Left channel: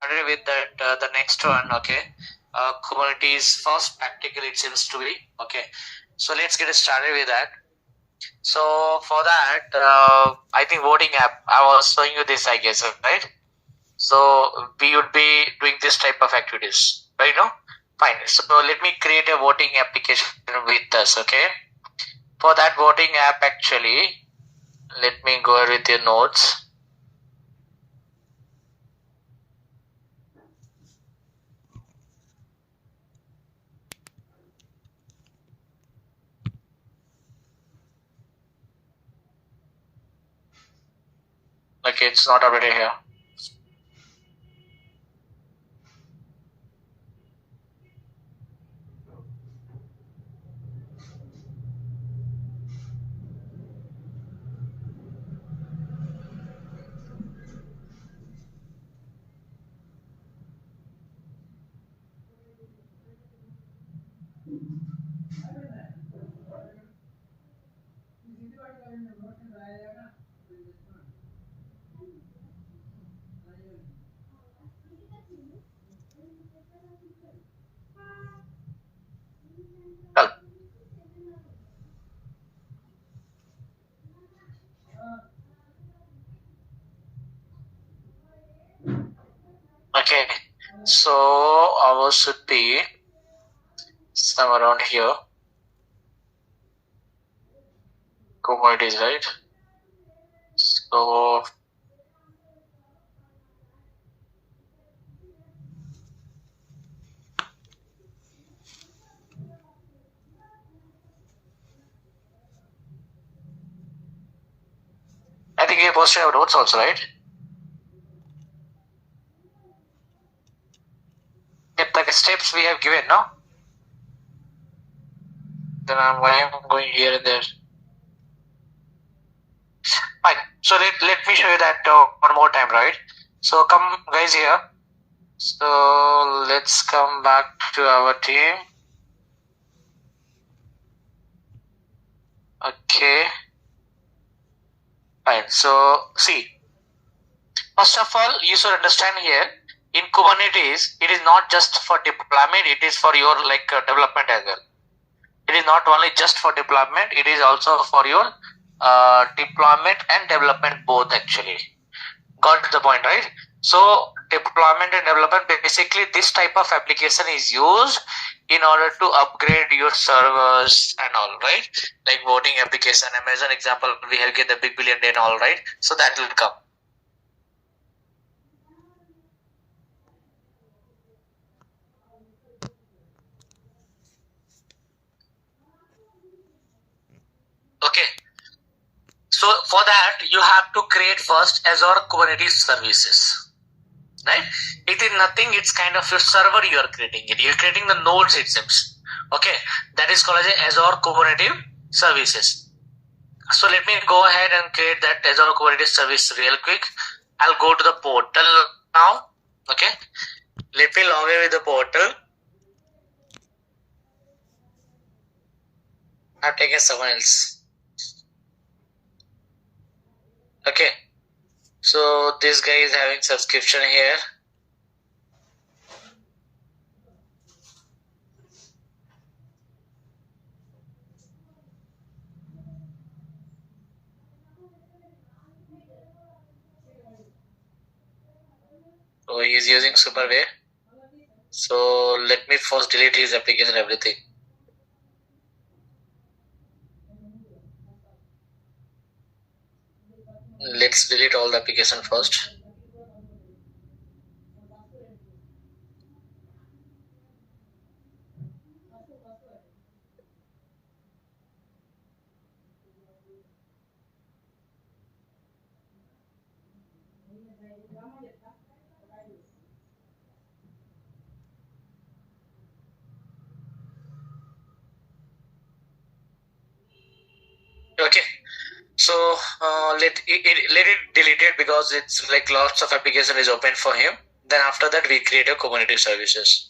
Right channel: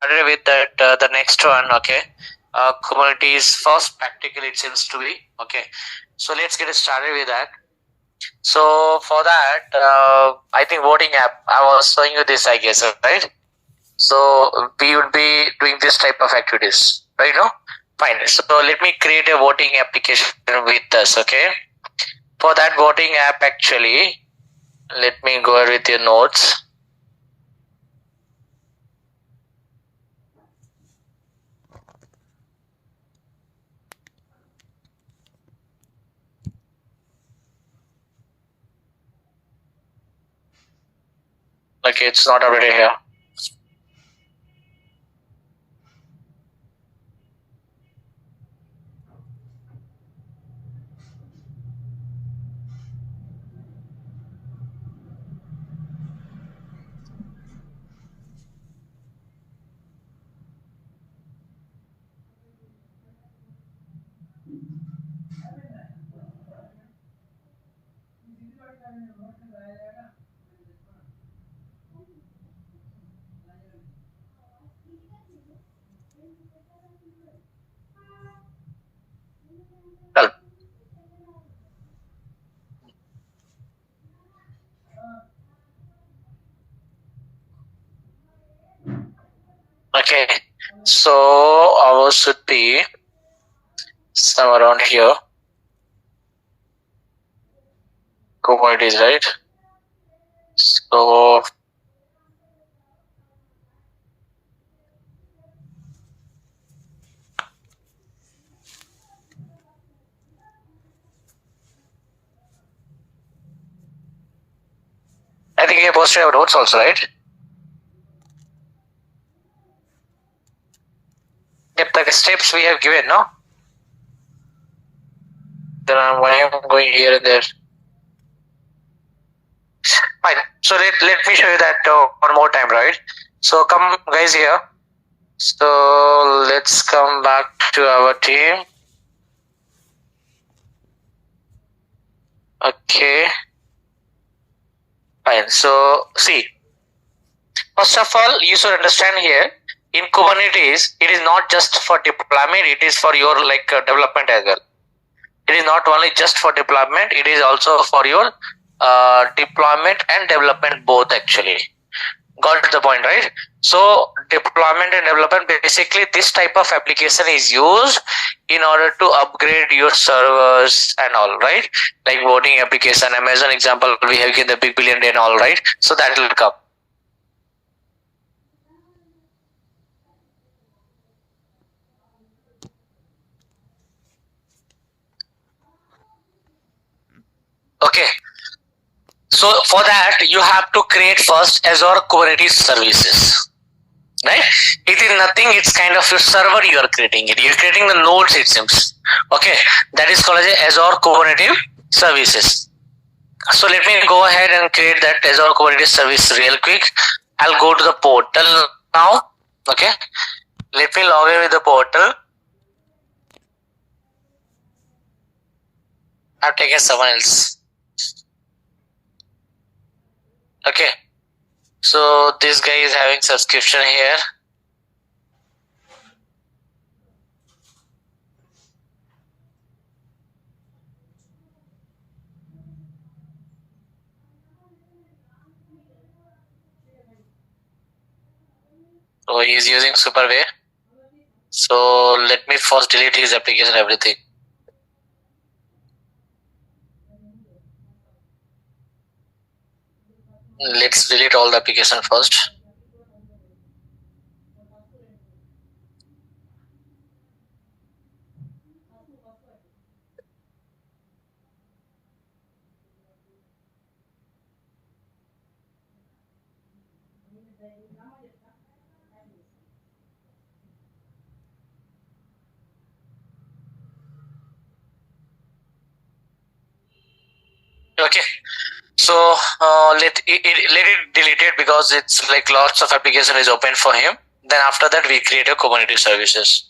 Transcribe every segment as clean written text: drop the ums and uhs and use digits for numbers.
started with that the next one. Okay, Kubernetes first practical it seems to be. Okay, so let's get started with that. So for that, I think voting app, I was showing you this, I guess, right? So we would be doing this type of activities, right? No, fine. So let me create a voting application with us. Okay, for that voting app, actually, let me go with your notes. Okay, it's not already here. Well, okay, so ours should be somewhere around here. Commodities, right? So I think you posted our notes also, right? Yep, the steps we have given, no? Then why I'm going here and there. Fine. So let me show you that one more time, right? So come guys here. So let's come back to our team. Okay. Fine. So see, first of all, you should understand here in Kubernetes, it is not just for deployment, it is for your development as well. It is not only just for deployment, it is also for your deployment and development both actually. Got the point, right? So deployment and development, basically this type of application is used in order to upgrade your servers and all, right? Like voting application, Amazon example, we have given the big billion day and all, right? So that will come. Okay. So for that, you have to create first Azure Kubernetes services. Right? It is nothing, it's kind of a server you are creating it. You're creating the nodes, it seems. Okay, that is called as Azure Kubernetes services. So let me go ahead and create that Azure Kubernetes service real quick. I'll go to the portal now. Okay, let me log in with the portal. I've taken someone else. Okay, so this guy is having subscription here. So he is using Superway. So let me first delete his application, everything. Let's delete all the application first. Okay, so let it delete it because it's like lots of application is open for him. Then after that we create a Kubernetes services.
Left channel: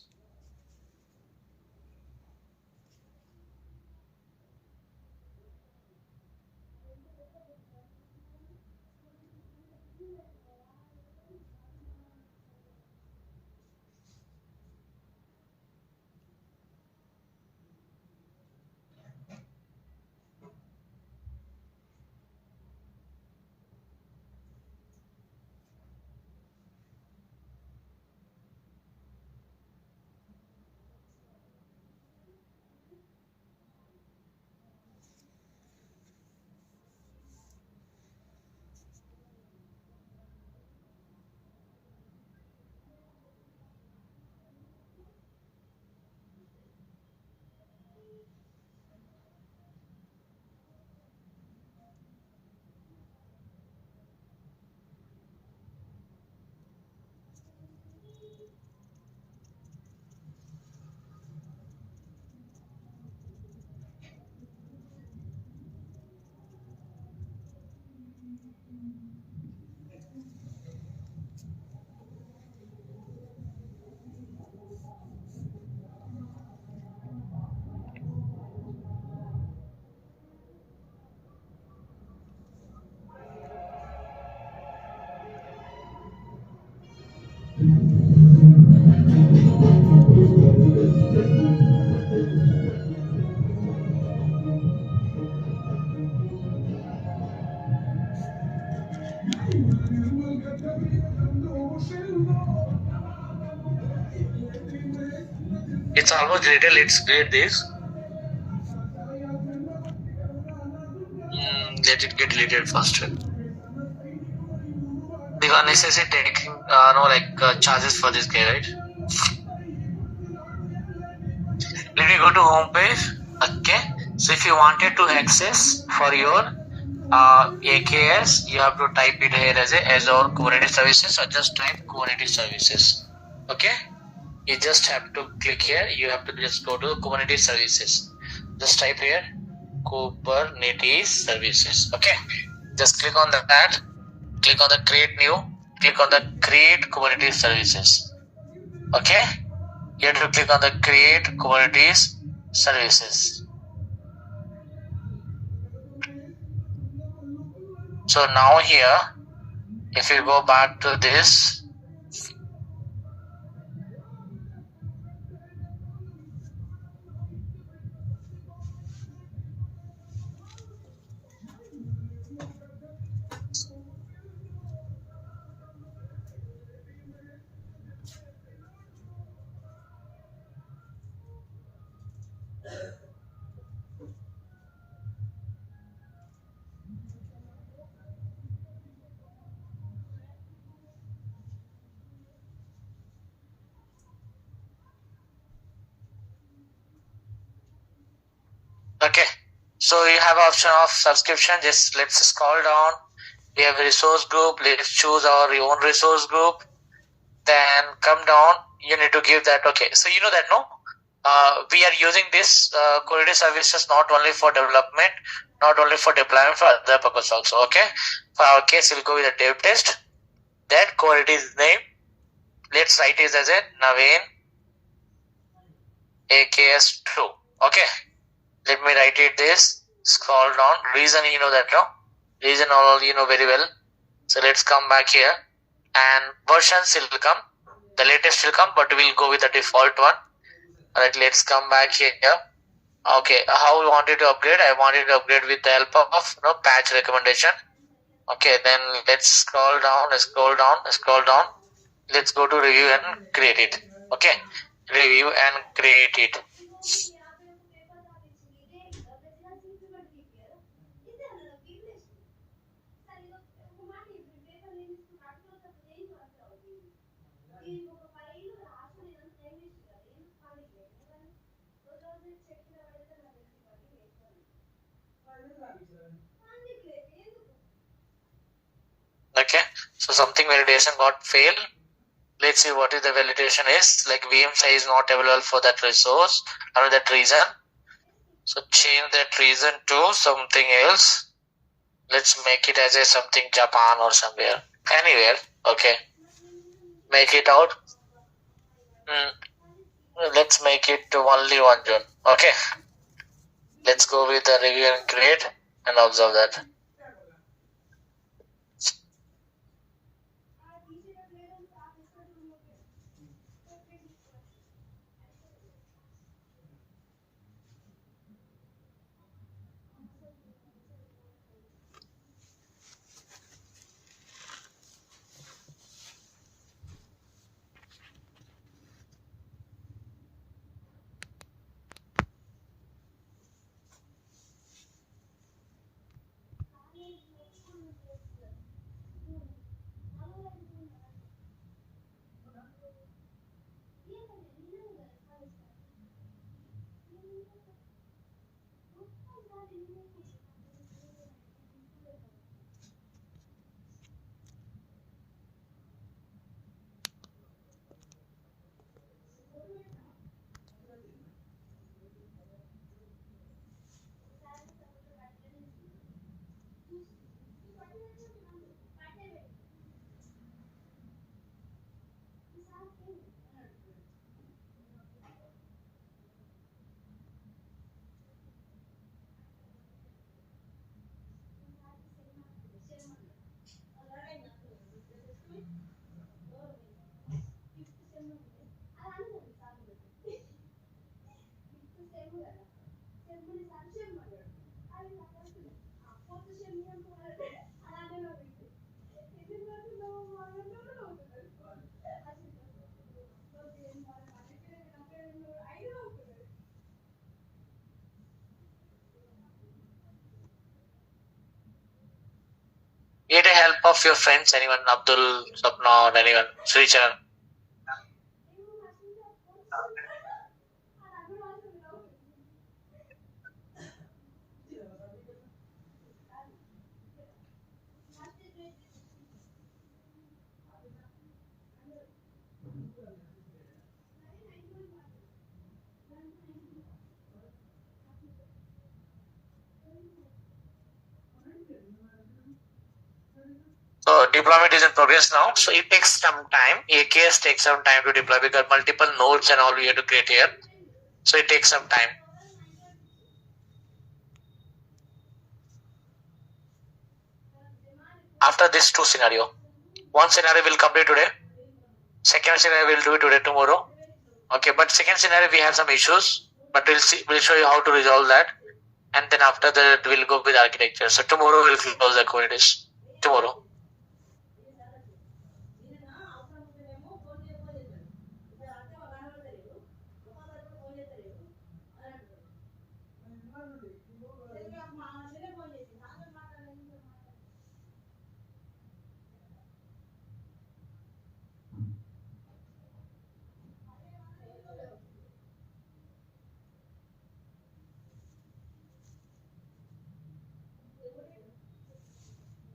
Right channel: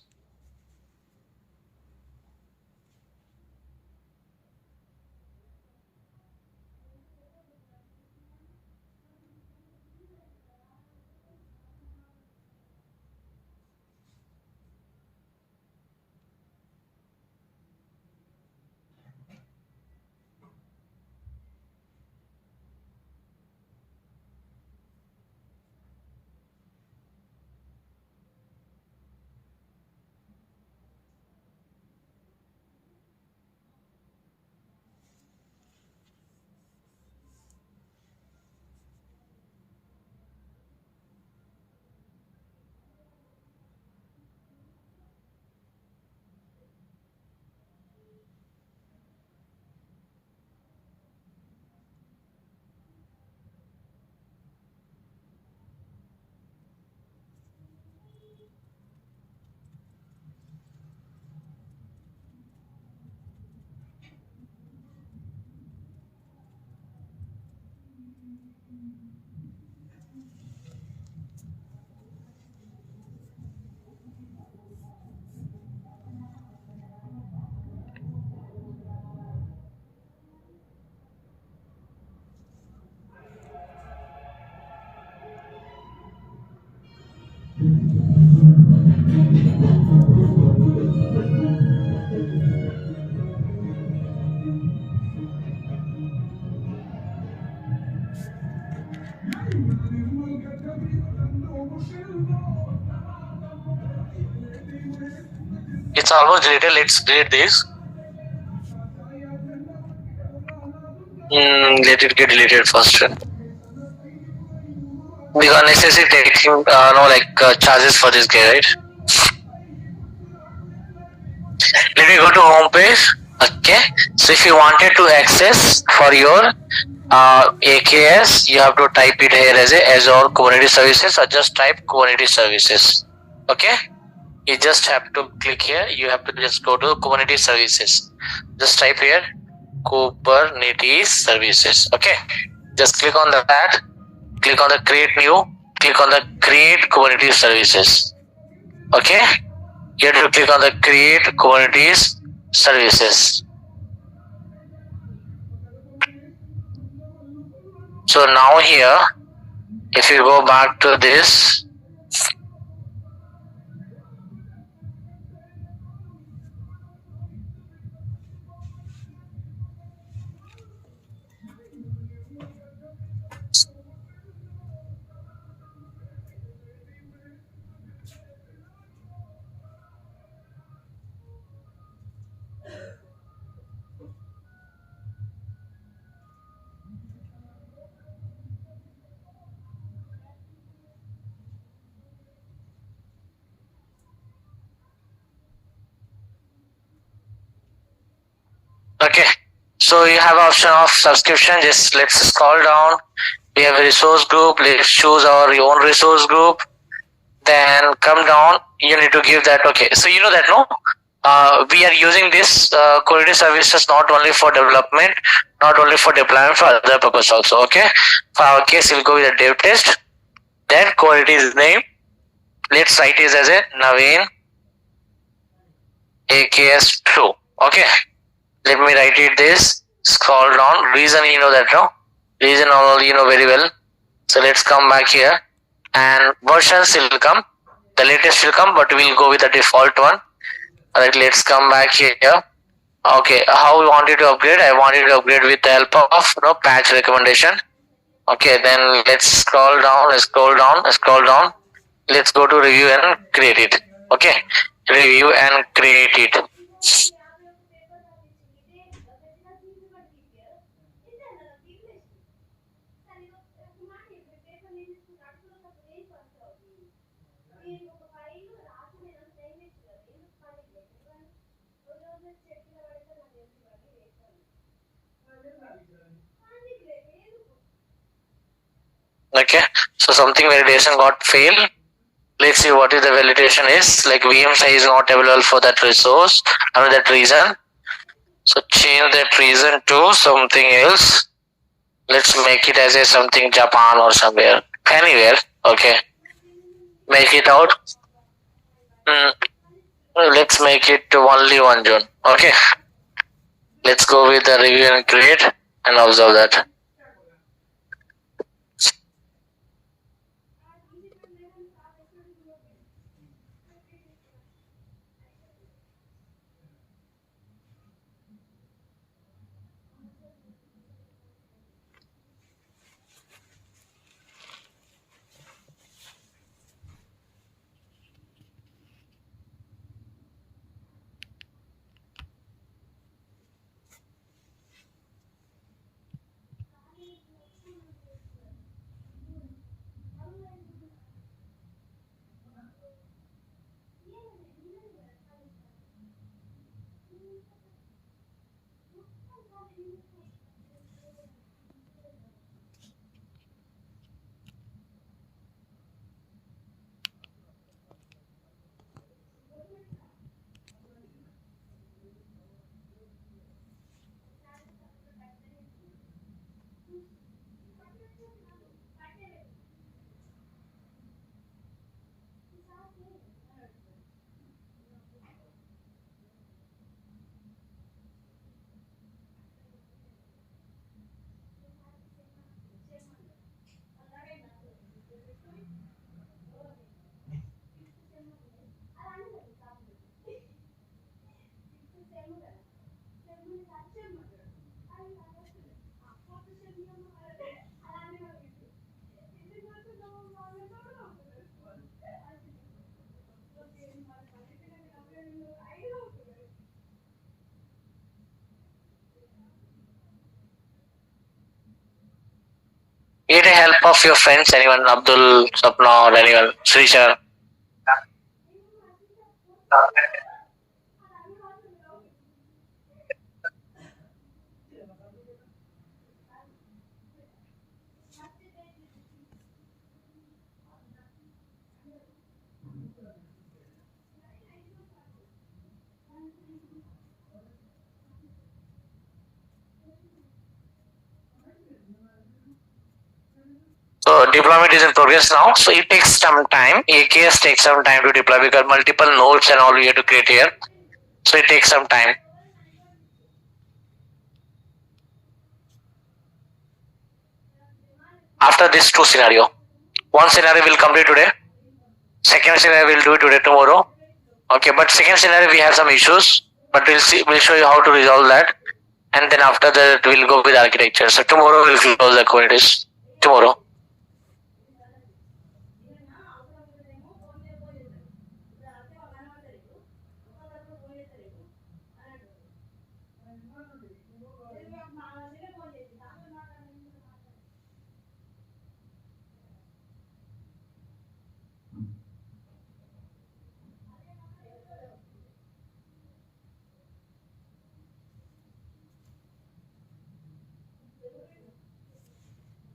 It's almost deleted. Let's delete this. Let it get deleted first. Because necessary taking charges for this guy, right? Let me go to home page. Okay. So if you wanted to access for your AKS, you have to type it here as a Azure Kubernetes Services, or just type Kubernetes Services. Okay. You just have to click here. You have to just go to Kubernetes Services. Just type here Kubernetes Services. Okay. Just click on that. Click on the create new. Click on the create Kubernetes Services. Okay. You have to click on the create Kubernetes Services. So now here, if you go back to this, okay. So you have option of subscription. Just let's scroll down. We have a resource group. Let's choose our own resource group. Then come down. You need to give that. Okay. So you know that, no? We are using this Kubernetes services not only for development, not only for deployment, for other purpose also. Okay. For our case, we'll go with a dev test. Then Kubernetes name. Let's write it as a Naveen AKS2. Okay. Let me write it this. Scroll down. Reason you know that, no? Reason all you know very well. So let's come back here. And versions will come. The latest will come, but we'll go with the default one. Alright, let's come back here. Okay, how we wanted to upgrade? I wanted to upgrade with the help of patch recommendation. Okay, then let's scroll down. Let's go to review and create it. Okay, review and create it. Okay, so something validation got failed. Let's see what is the validation is. Like VM size is not available for that resource. I mean that reason. So change that reason to something else. Let's make it as a something Japan or somewhere. Anywhere. Okay. Make it out. Let's make it only one zone. Okay. Let's go with the review and create and observe that. of your friends, anyone, Abdul, Sapna, or anyone, Srisha? So deployment is in progress now. So it takes some time. AKS takes some time to deploy because multiple nodes and all we have to create here. So it takes some time. After this two scenario, one scenario will complete today. Second scenario will do it today, tomorrow. Okay, but second scenario we have some issues, but we'll see. We'll show you how to resolve that, and then after that we'll go with architecture. So tomorrow we'll close the Kubernetes. Tomorrow.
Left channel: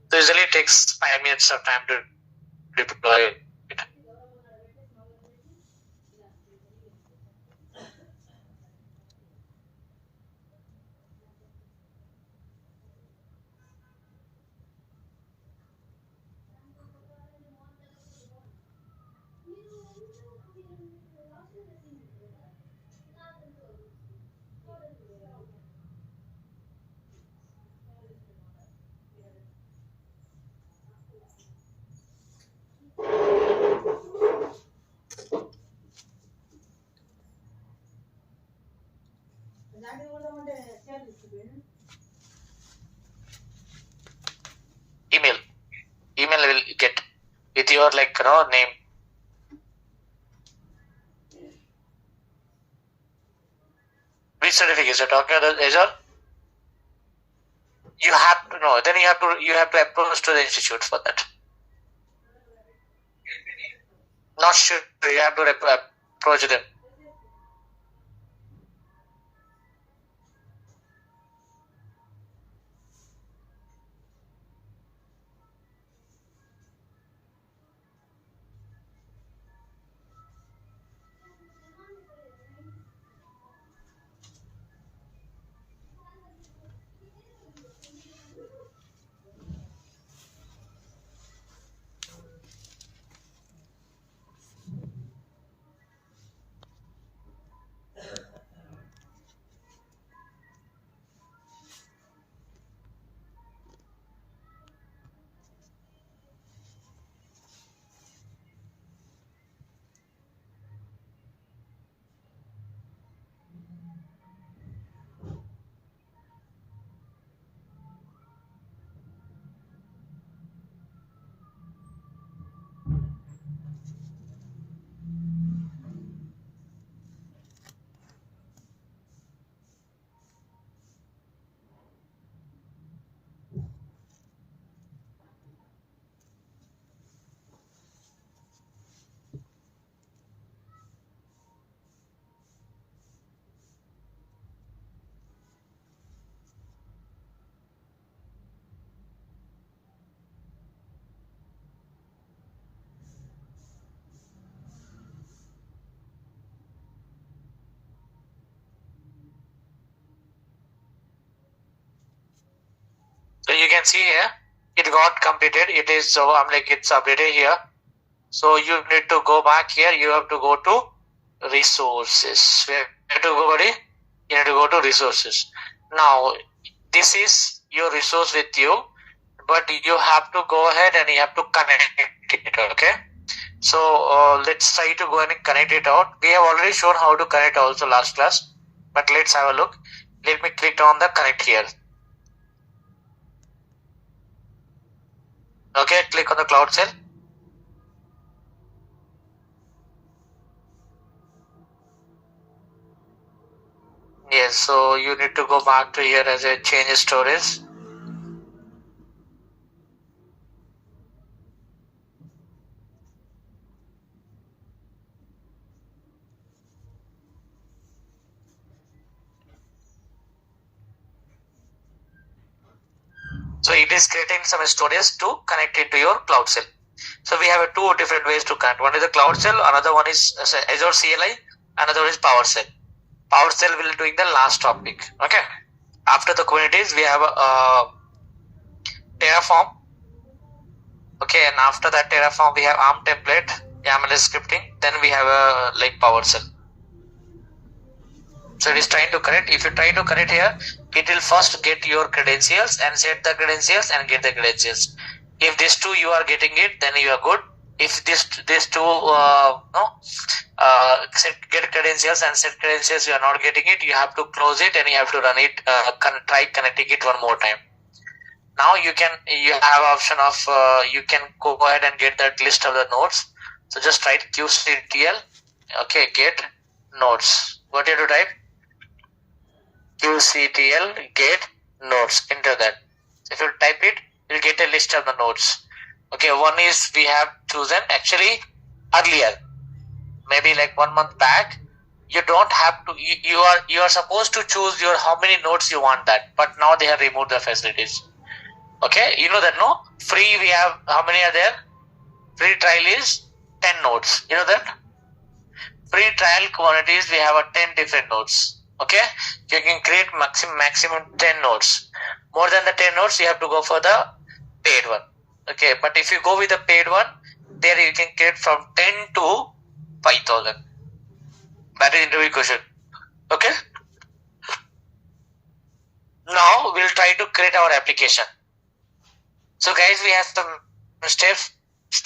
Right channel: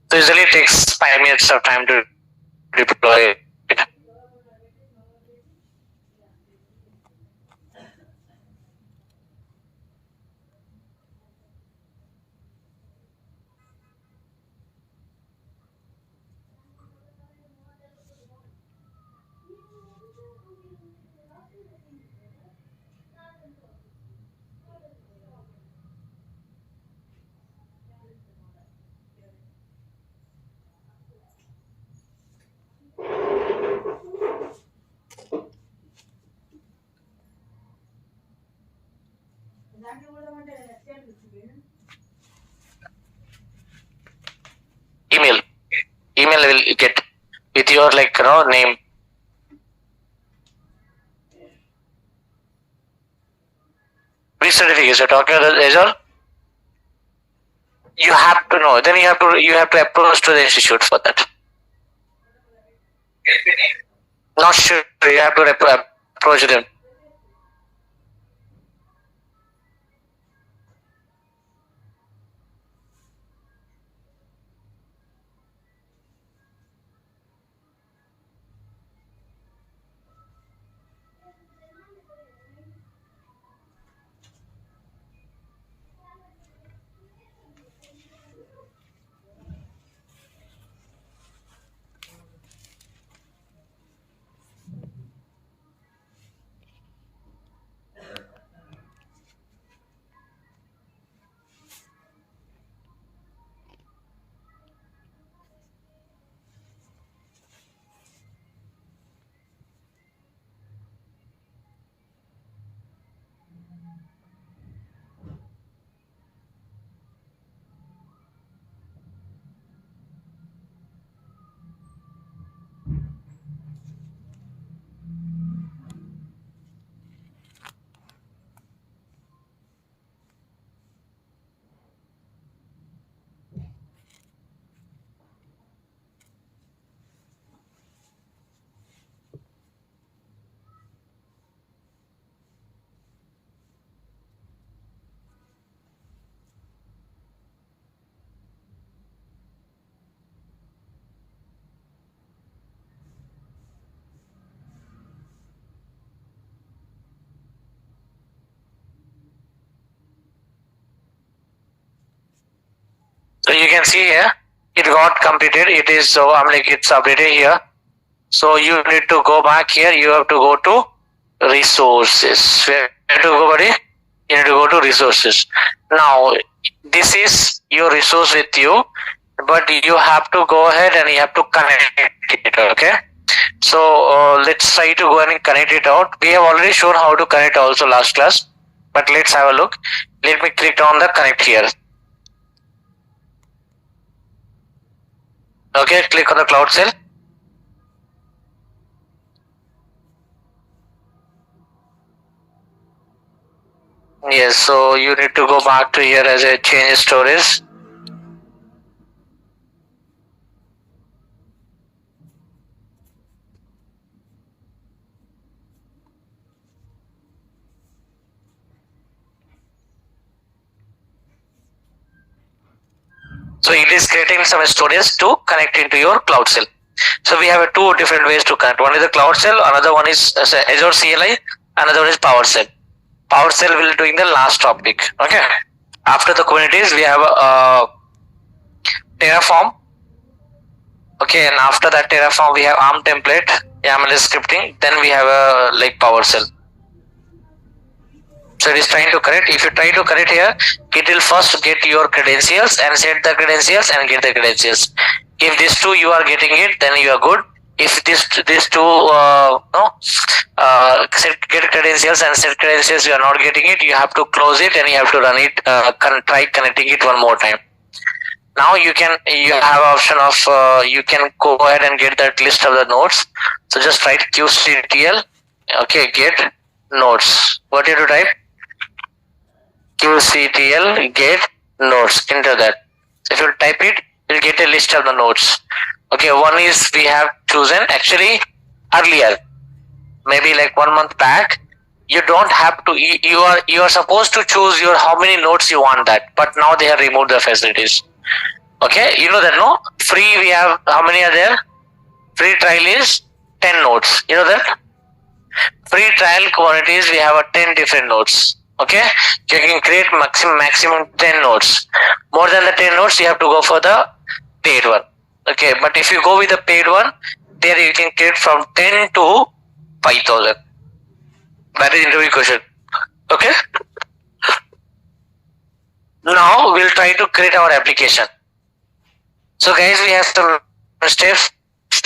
So usually it takes 5 minutes of time to deploy it. Email will get with your name. Which certificate is it? Okay, Azure. You have to know. Then you have to approach to the institute for that. Not sure. You have to approach them. So you can see here, it got completed. It is so it's updated here. So you need to go back here. You have to go to resources. Where to go, buddy? You need to go to resources. Now this is your resource with you, but you have to go ahead and you have to connect it. Okay. So let's try to go and connect it out. We have already shown how to connect also last class, but let's have a look. Let me click on the connect here. Okay, click on the cloud cell. Yes, so you need to go back to here as a change storage. So it is creating some storage to connect into your Cloud Shell. So we have two different ways to connect. One is the Cloud Shell, another one is Azure CLI, another one is PowerShell. PowerShell will doing the last topic. Okay. After the Kubernetes, we have Terraform. Okay, and after that Terraform, we have ARM template, YAML scripting. Then we have a like PowerShell. So it is trying to connect. If you try to connect here, it will first get your credentials and set the credentials and get the credentials. If these two you are getting it, then you are good. If these two get credentials and set credentials you are not getting it, you have to close it and you have to run it. Try connecting it one more time. Now you have option of you can go ahead and get that list of the nodes. So just write qctl. Okay, get nodes. What you have to type? qctl get nodes. Enter that. If you type it, you'll get a list of the nodes. Okay, one is we have chosen actually earlier, maybe like 1 month back. You don't have to. You are supposed to choose your how many nodes you want that, but now they have removed the facilities. Okay, you know that, no? Free we have, how many are there? Free trial is 10 nodes. You know that? Free trial Kubernetes, we have 10 different nodes. Okay, you can create maximum 10 nodes. More than the 10 nodes, you have to go for the paid one. Okay, but if you go with the paid one, there you can create from 10 to 5,000. That is interview question. Okay. Now we'll try to create our application. So guys, we have some steps.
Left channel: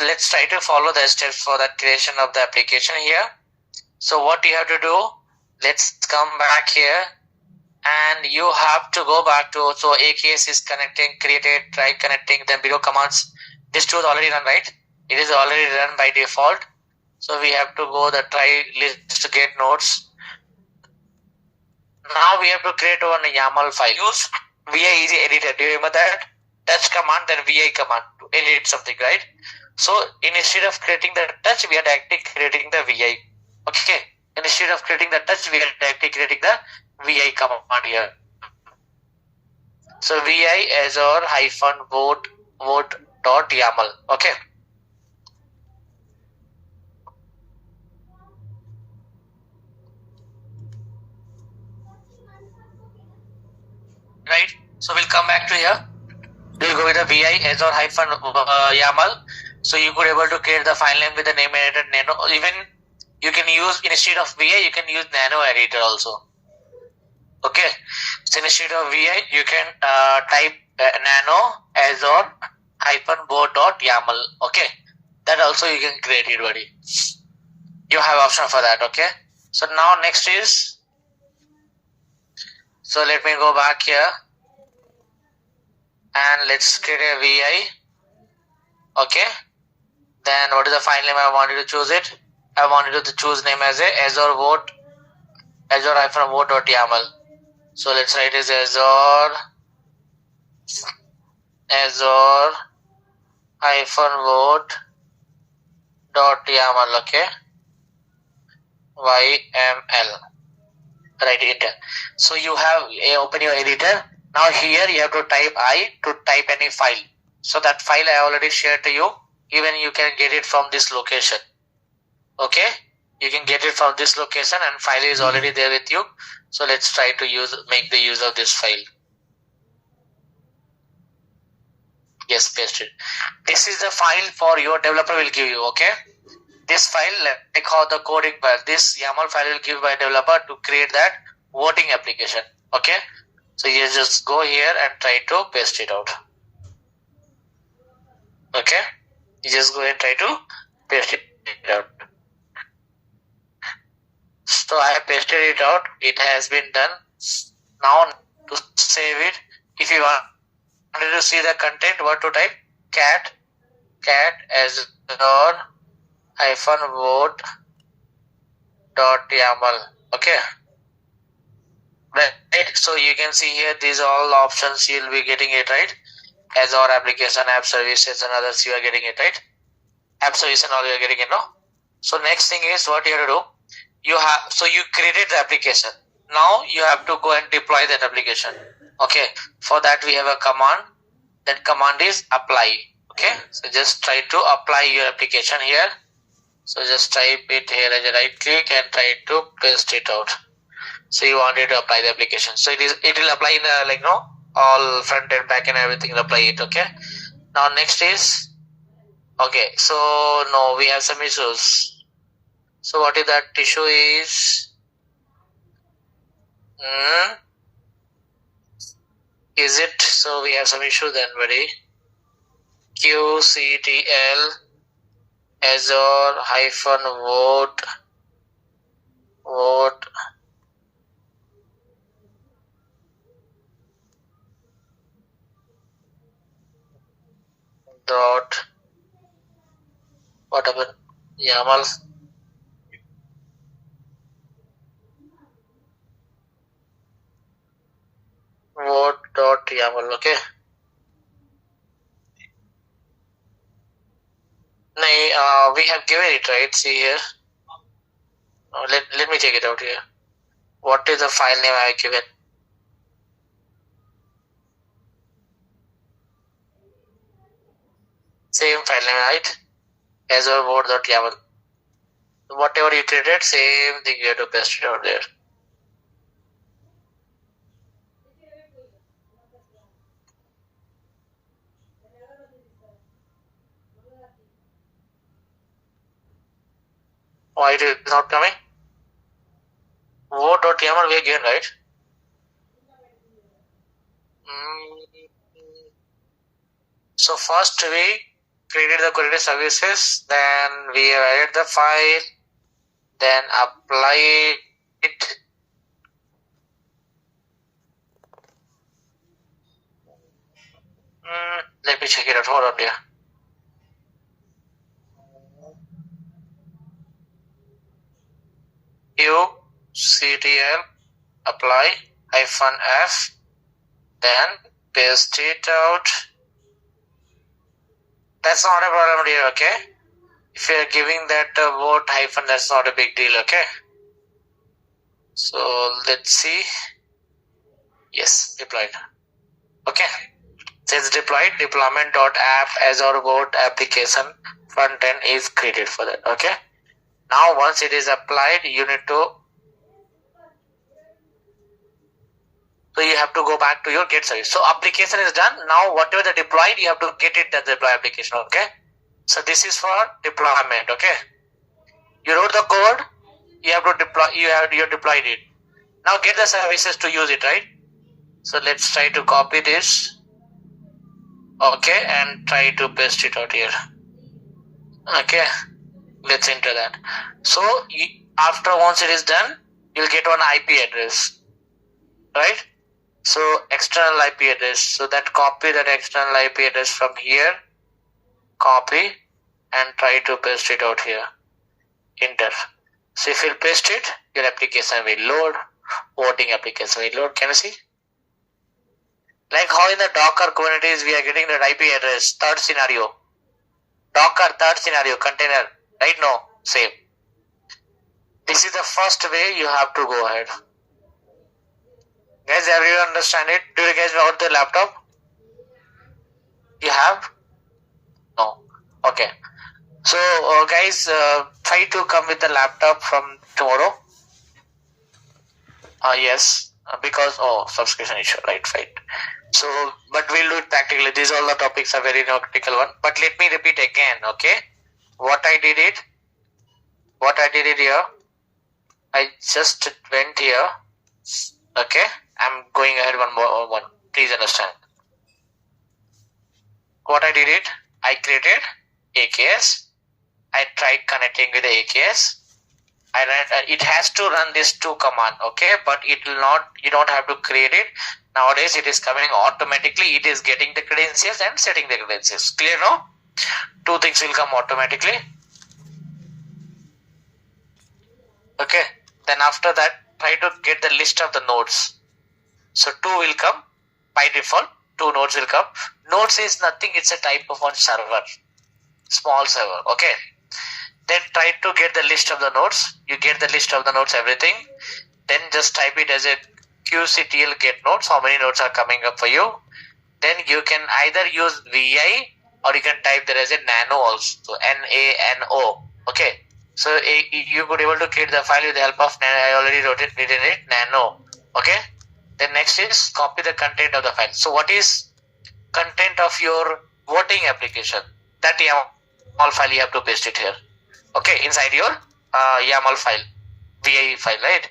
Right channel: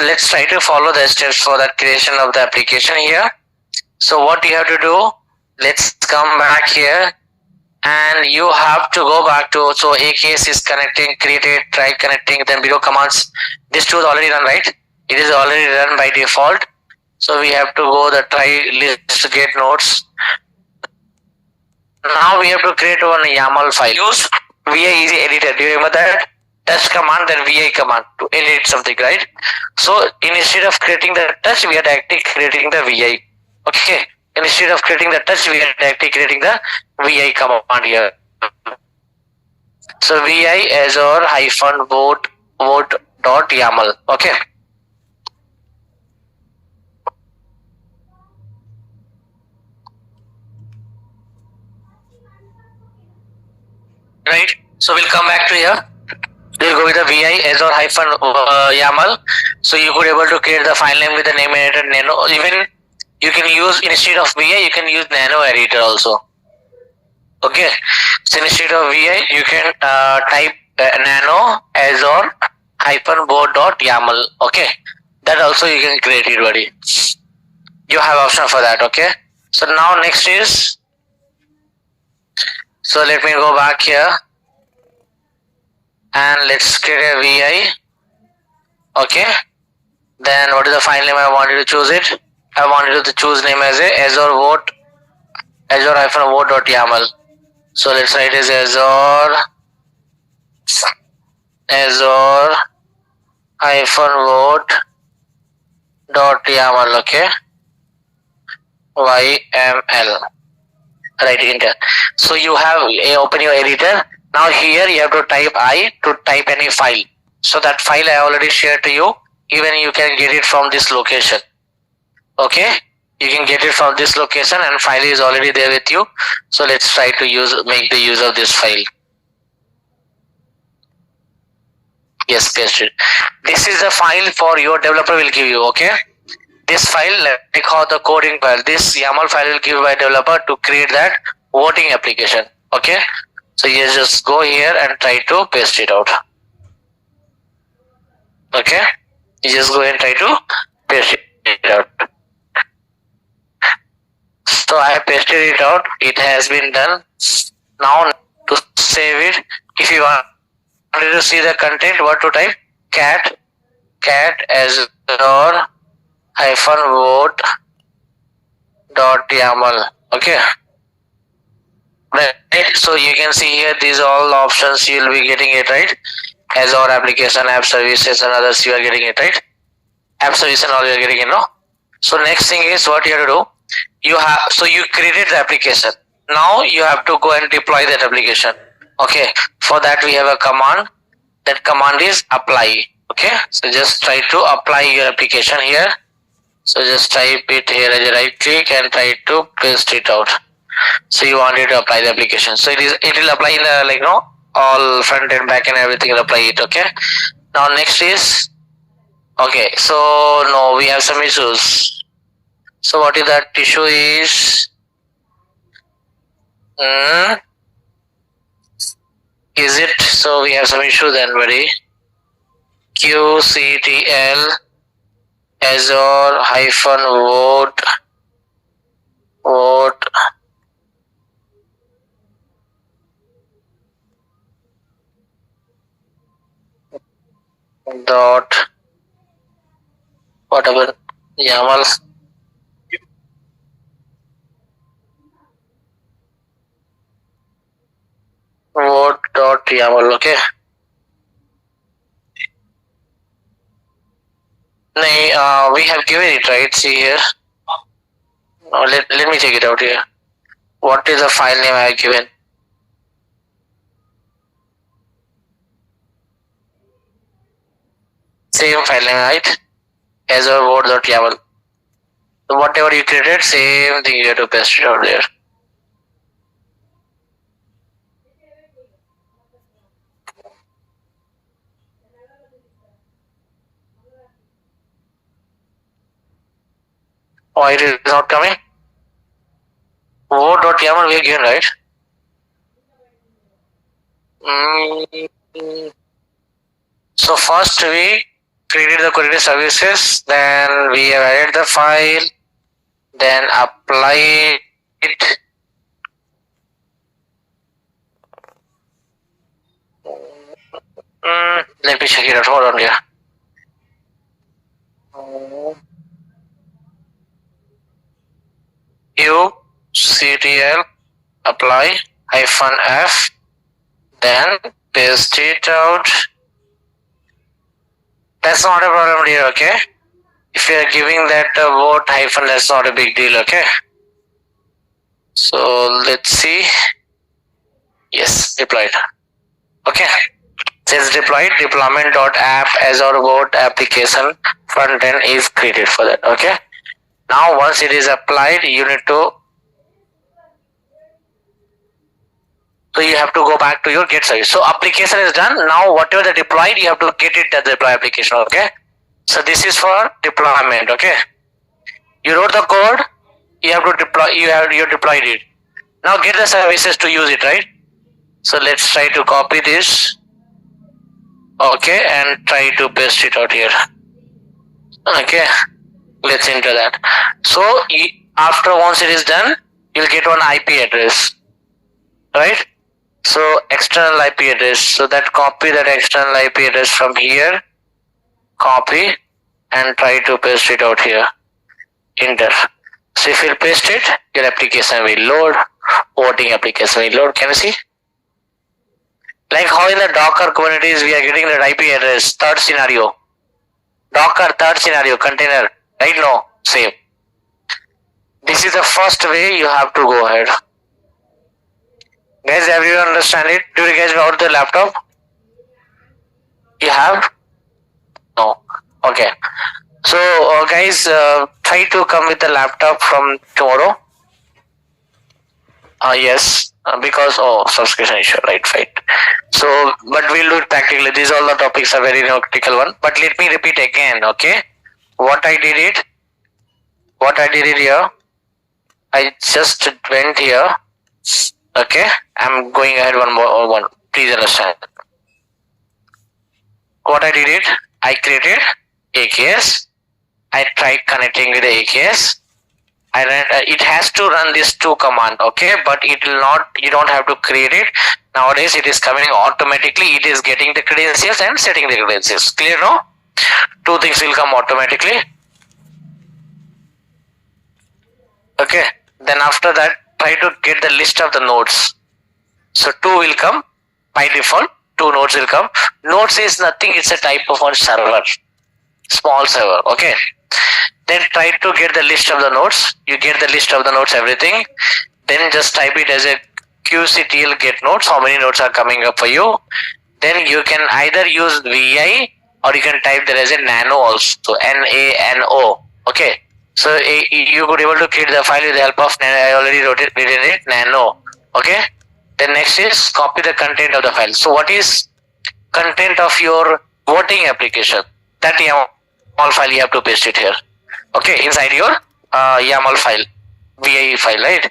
Let's try to follow the steps for that creation of the application here. So what you have to do, let's come back here and you have to go back to, so AKS is connecting, created, try connecting, then below commands. This tool is already run, right? It is already run by default. So we have to go the try list get nodes. Now we have to create one YAML file. Use VI easy editor. Do you remember that? Touch command, then VI command to edit something, right? So instead of creating the touch, we are directly creating the VI. Okay. Instead of creating the touch, we are directly creating the VI command here. So VI Azure vote.yaml. Okay. Right. So we'll come back to here. We'll go with the VI Azure-YAML. So you could able to create the file name with the name editor nano. Even you can use, instead of VI, you can use nano editor also. Okay. So instead of VI, you can type nano Azure-board.yaml. Okay. That also you can create it, buddy. You have option for that. Okay. So now next is, so let me go back here and let's create a VI. Okay. Then what is the file name I wanted to choose it? I wanted to choose name as a Azure-vote.yaml. So let's write as Azure-vote.yaml. Okay. YML. Right, enter. So you have open your editor. Now here you have to type I to type any file. So that file I already shared to you. Even you can get it from this location. Okay, you can get it from this location and file is already there with you. So let's try to make the use of this file. Yes, paste it. This is the file for your developer will give you. Okay, this file, like how the coding file, this YAML file will give by developer to create that voting application. Okay, so you just go here and try to paste it out. Okay, you just go and try to paste it out. So I pasted it out. It has been done. Now to save it, if you wanted to see the content, what to type? Cat Azure-vote.yaml. Okay. Right. So you can see here, these are all the options you will be getting it, right? Azure application, app services, and others you are getting it, right? App service and all you are getting it, no? So next thing is what you have to do. You created the application. Now you have to go and deploy that application. Okay. For that we have a command That command is apply. Okay, so just try to apply your application here. So just type it here as a right click and try to paste it out. So you want it to apply the application. So it will apply in the, like, no, all front and back and everything will apply it. Okay. Now next is, okay, so no, we have some issues. So what is that issue is? Is it, so we have some issue then, buddy. QCTL Azure -vote dot whatever YAML vote dot YAML. Okay. We have given it, right? See here. Let me check it out here. What is the file name I have given? Same file name, right? Azure vote.yaml. So whatever you created, same thing you have to paste it out there. Why it is not coming? Vote.yaml we are given, right? So first we created the query services, then we have added the file, then apply it. Let me check it out. Hold on here. QCTL apply -f, then paste it out. That's not a problem here, okay? If you are giving that vote hyphen, that's not a big deal, okay? So let's see. Yes, deployed. Okay. Since deployed, deployment.app Azure vote application front end is created for that, okay? Now once it is applied, you need to, so you have to go back to your Git service. So application is done. Now whatever the deployed, you have to get it as the deploy application, okay? So this is for deployment, okay? You wrote the code, you have to deploy, you deployed it. Now get the services to use it, right? So let's try to copy this, okay, and try to paste it out here. Okay, let's enter that. So after once it is done, you'll get one IP address, right? So external IP address. So that copy that external IP address from here, copy and try to paste it out here. Enter. So if you paste it, your application will load. Voting application will load. Can you see? Like how in the Docker Kubernetes we are getting the IP address. Third scenario. Docker third scenario container. Right now, same. This is the first way you have to go ahead. Guys, everyone understand it? Do you guys got the laptop? You have? No. Okay. So guys, try to come with the laptop from tomorrow. Yes, because subscription issue, right? So, but we'll do it practically. These all the topics are very critical one. But let me repeat again, okay? What I did it here. I just went here. Okay, I'm going ahead one. Please understand. What I did it, I created AKS. I tried connecting with the AKS. It has to run these two commands, okay, but it will not, you don't have to create it. Nowadays it is coming automatically. It is getting the credentials and setting the credentials. Clear, no? Two things will come automatically. Okay, then after that try to get the list of the nodes. So 2 will come by default. 2 nodes will come. Nodes is nothing, it's a type of a server, small server, okay. Then try to get the list of the nodes. You get the list of the nodes, everything. Then just type it as a QCTL get nodes. How many nodes are coming up for you? then you can either use VI or you can type there as a nano also, NANO. Okay, so you could able to create the file with the help of nano. I already written it nano. Okay, then next is copy the content of the file. So what is content of your voting application? That YAML file you have to paste it here. Okay, inside your YAML file, VI file, right?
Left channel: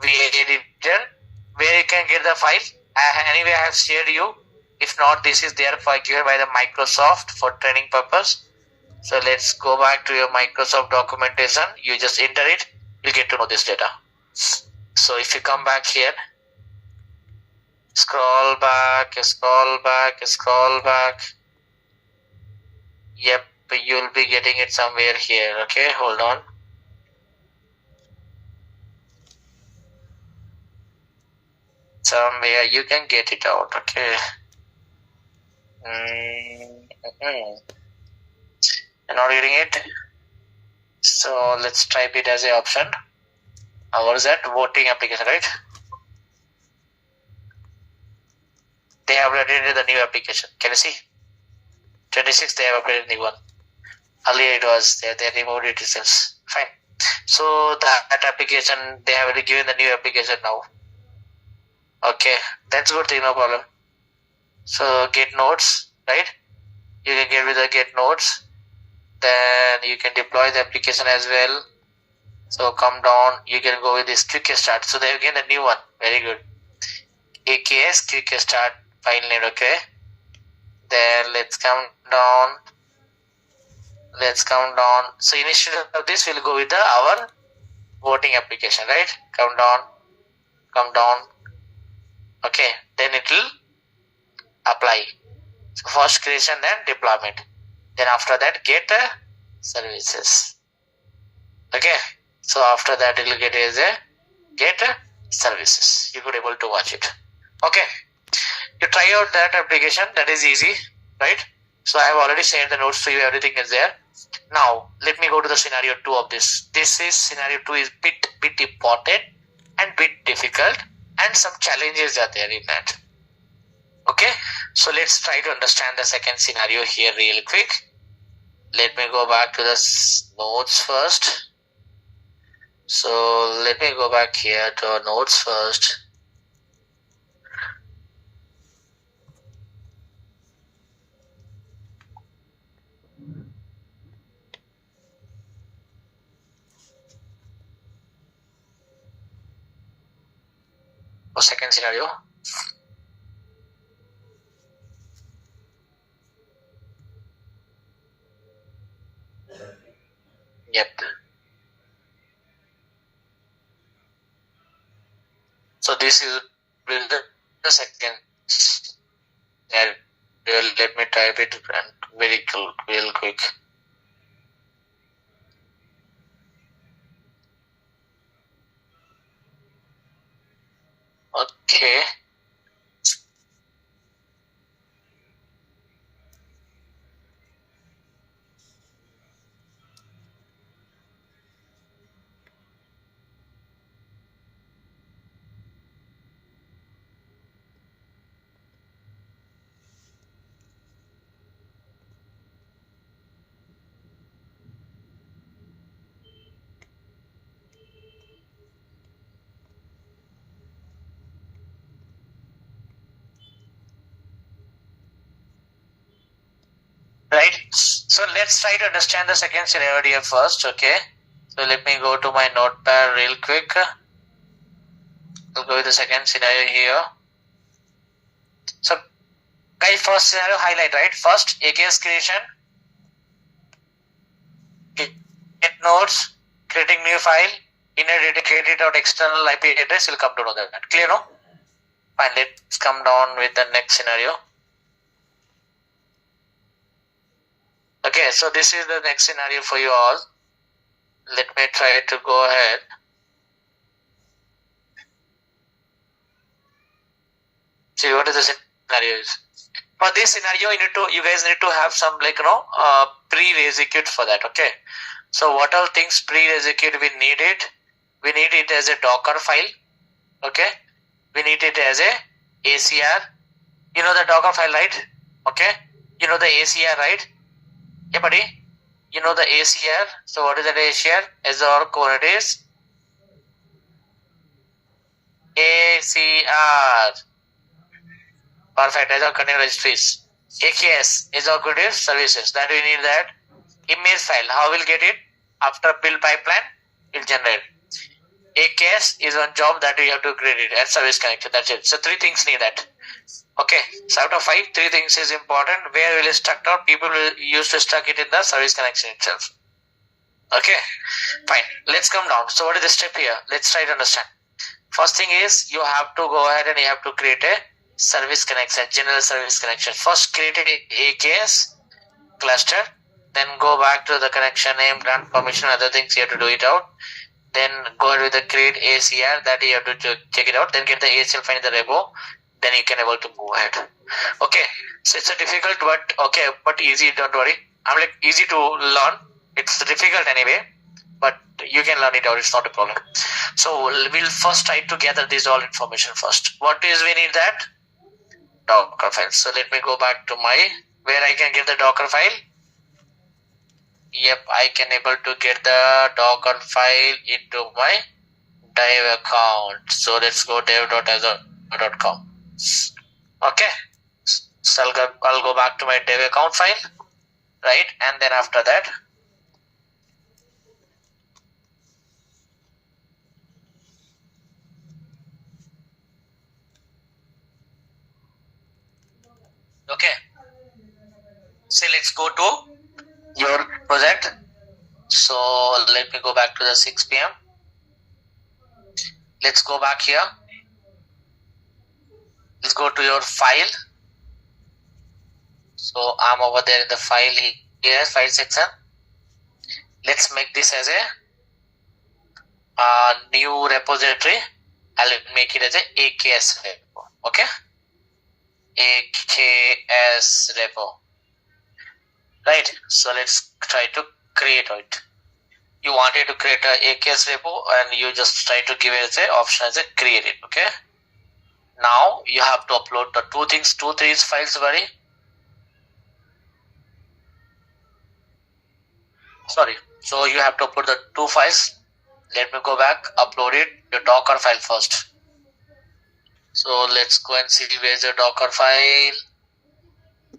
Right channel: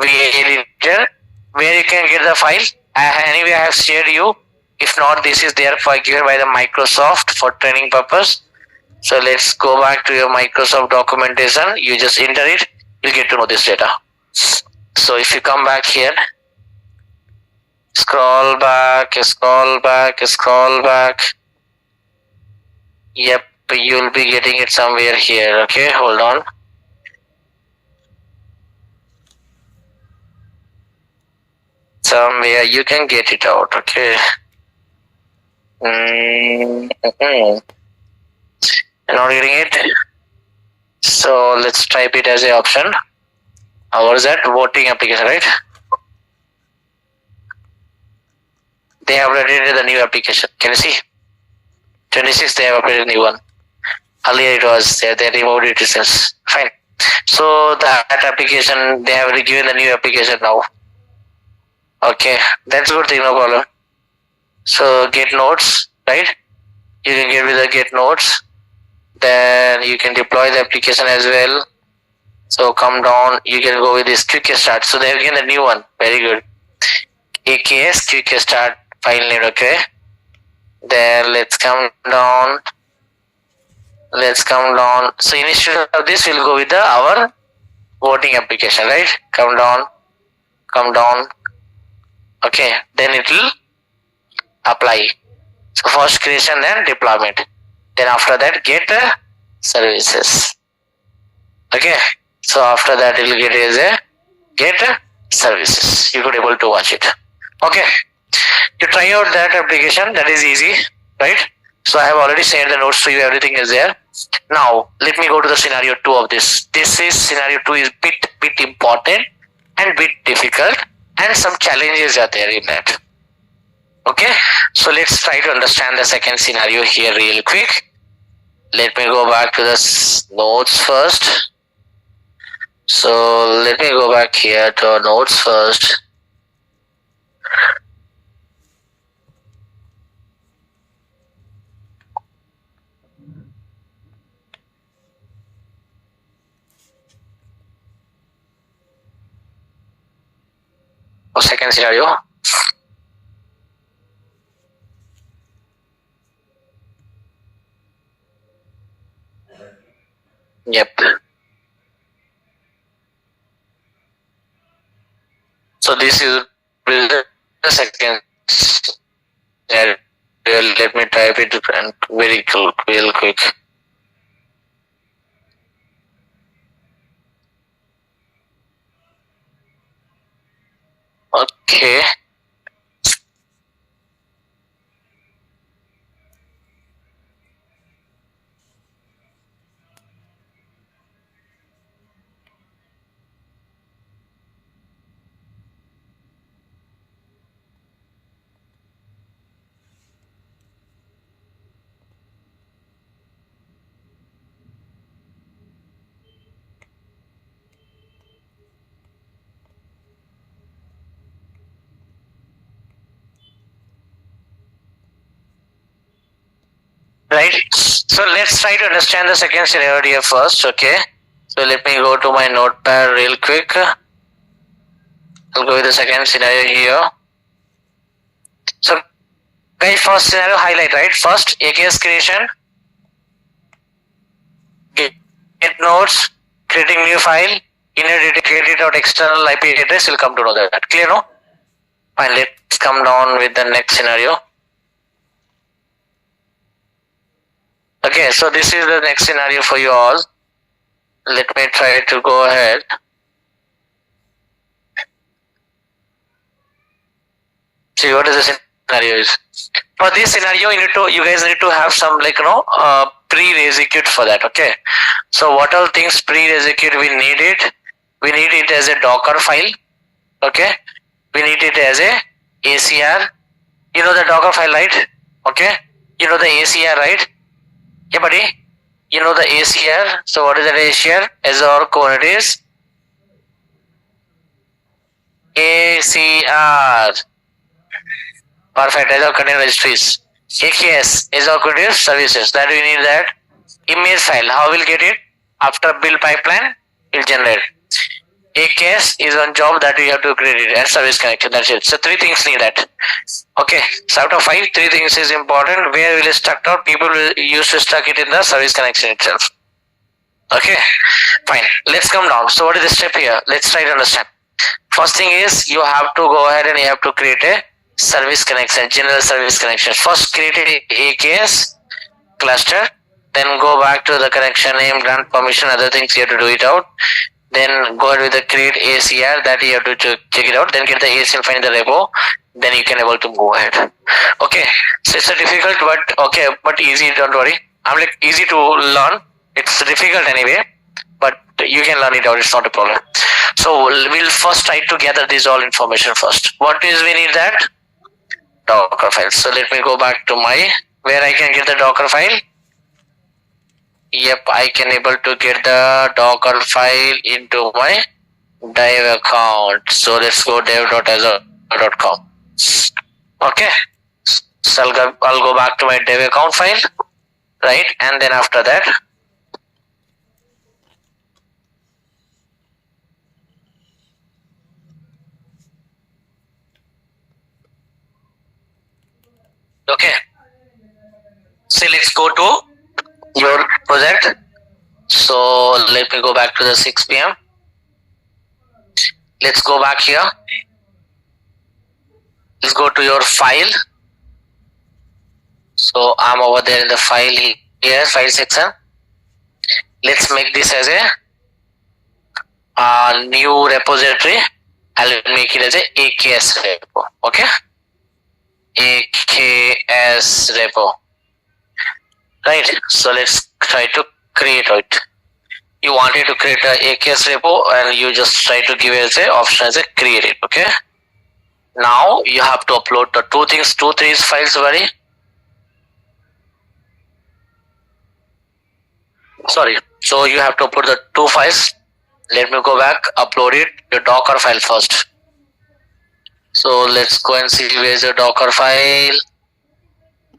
VI editor, where you can get the file. Anyway, I have shared you. If not, this is there for given by the Microsoft for training purpose. So let's go back to your Microsoft documentation. You just enter it, you'll get to know this data. So if you come back here, scroll back. Yep, you'll be getting it somewhere here. Okay, hold on. Somewhere you can get it out. Okay. I'm not getting it. So let's type it as an option. What is that? Voting application, right? They have updated the new application. Can you see? 26, they have updated a new one. Earlier it was there, they removed it itself. Fine. So that application, they have given the new application now. Okay, that's a good thing, no problem. So get nodes, right? You can get with the get nodes. Then you can deploy the application as well. So come down, you can go with this quick start. So they have given the new one. Very good. AKS quick start file name. Okay. Then let's come down. So instead of this, we'll go with our voting application, right? Come down. Okay, then it will apply. So first creation, then deployment. Then after that, get services. Okay, so after that, it will get as a get services. You could able to watch it. Okay, you try out that application. That is easy, right? So I have already shared the notes to you. Everything is there. Now let me go to the scenario 2 of this. This is scenario 2 is bit important and bit difficult, and some challenges are there in that. Okay, so let's try to understand the second scenario here real quick. Let me go back to the notes first. So let me go back here to our notes first. Second scenario. Yep. So this is the second scenario. Let me type it very real quick. Okay. Right. So let's try to understand the second scenario here first. Okay. So let me go to my notepad real quick. I'll go with the second scenario here. So guys, first scenario highlight, right? First AKS creation, get nodes, creating new file, inner data created out external IP address. Will come to know that. Clear, no? Fine. Let's come down with the next scenario. Okay, so this is the next scenario for you all. Let me try to go ahead. See what is the scenario is. For this scenario, you guys need to have some pre-execute for that. Okay. So what all things pre-execute we need it? We need it as a Docker file. Okay. We need it as a ACR You know the Docker file, right? Okay. You know the ACR, right? Okay, buddy. You know the ACR. So what is that ACR? Azure Kubernetes ACR. Perfect. Azure Container Registries. AKS, Azure Kubernetes Services. That we need that image file. How we'll get it? After build pipeline, it'll generate. AKS is one job that we have to create it as service connection. That's it. So 3 things need that. Okay. So out of 5, 3 things is important. Where will it stuck out? People will use to stuck it in the service connection itself. Okay. Fine. Let's come down. So what is the step here? Let's try to understand. First thing is you have to go ahead and you have to create a service connection, general service connection. First create a AKS cluster, then go back to the connection name, grant permission, other things you have to do it out. Then go ahead with the create ACR, that you have to check it out. Then get the ACL file in the repo. Then you can able to go ahead. Okay. So it's a difficult but easy. Don't worry. I'm like easy to learn. It's difficult anyway, but you can learn it out. It's not a problem. So we'll first try to gather this all information first. What is we need that? Docker file. So let me go back to my where I can get the Docker file. Yep, I can able to get the Docker file into my dev account. So let's go dev.azure.com. Okay. So I'll go back to my dev account file, right? And then after that, okay. So let's go to your project. So let me go back to the 6 p.m. Let's go back here. Let's go to your file. So I'm over there in the file here, file section. Let's make this as a new repository. I'll make it as a AKS repo. Okay. AKS repo. Right. So let's try to create it. You wanted to create a AKS repo and you just try to give it as a option as a create it. Okay. Now you have to upload the 2 files, buddy. Sorry. So you have to upload the 2 files. Let me go back, upload it, the Docker file first. So let's go and see where's the Docker file.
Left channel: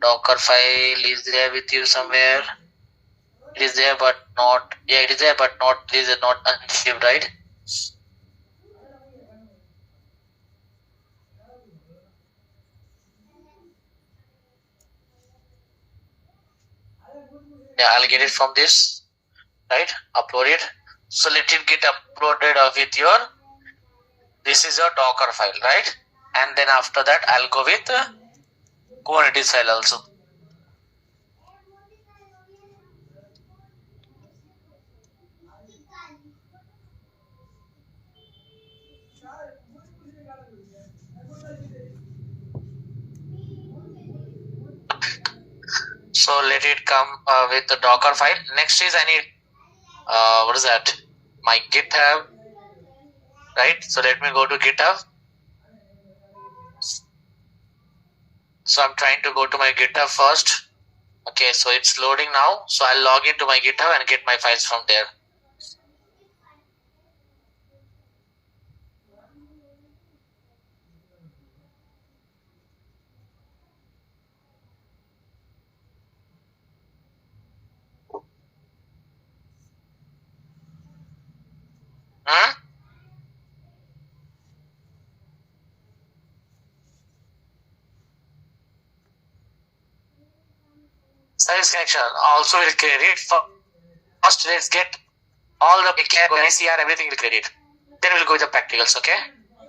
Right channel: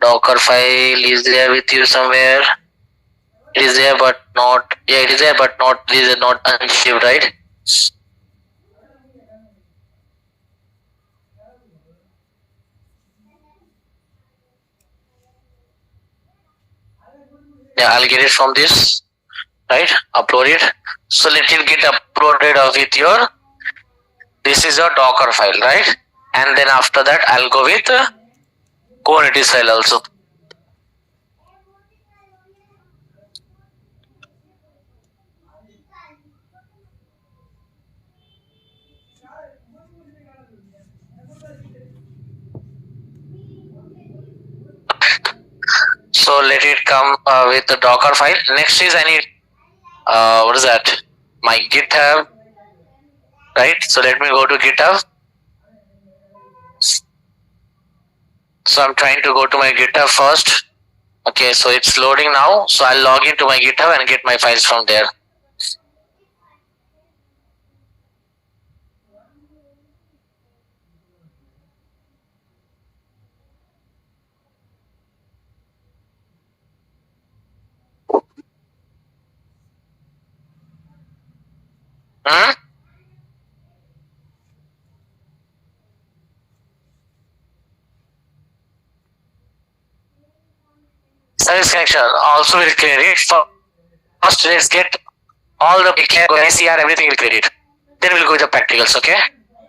Docker file is there with you somewhere. It is there but not, yeah, it is there but not, it is not unshipped, right? Yeah, I'll get it from this, right? Upload it. So let it get uploaded with your, this is your Docker file, right? And then after that, I'll go with Kubernetes file also. So let it come with the Docker file. Next is I need, what is that? My GitHub, right? So let me go to GitHub. So I'm trying to go to my GitHub first. Okay, so it's loading now. So I'll log into my GitHub and get my files from there. Service connection also will create it. First, let's get all the ACR, everything will create it. Then we'll go with the practicals, okay?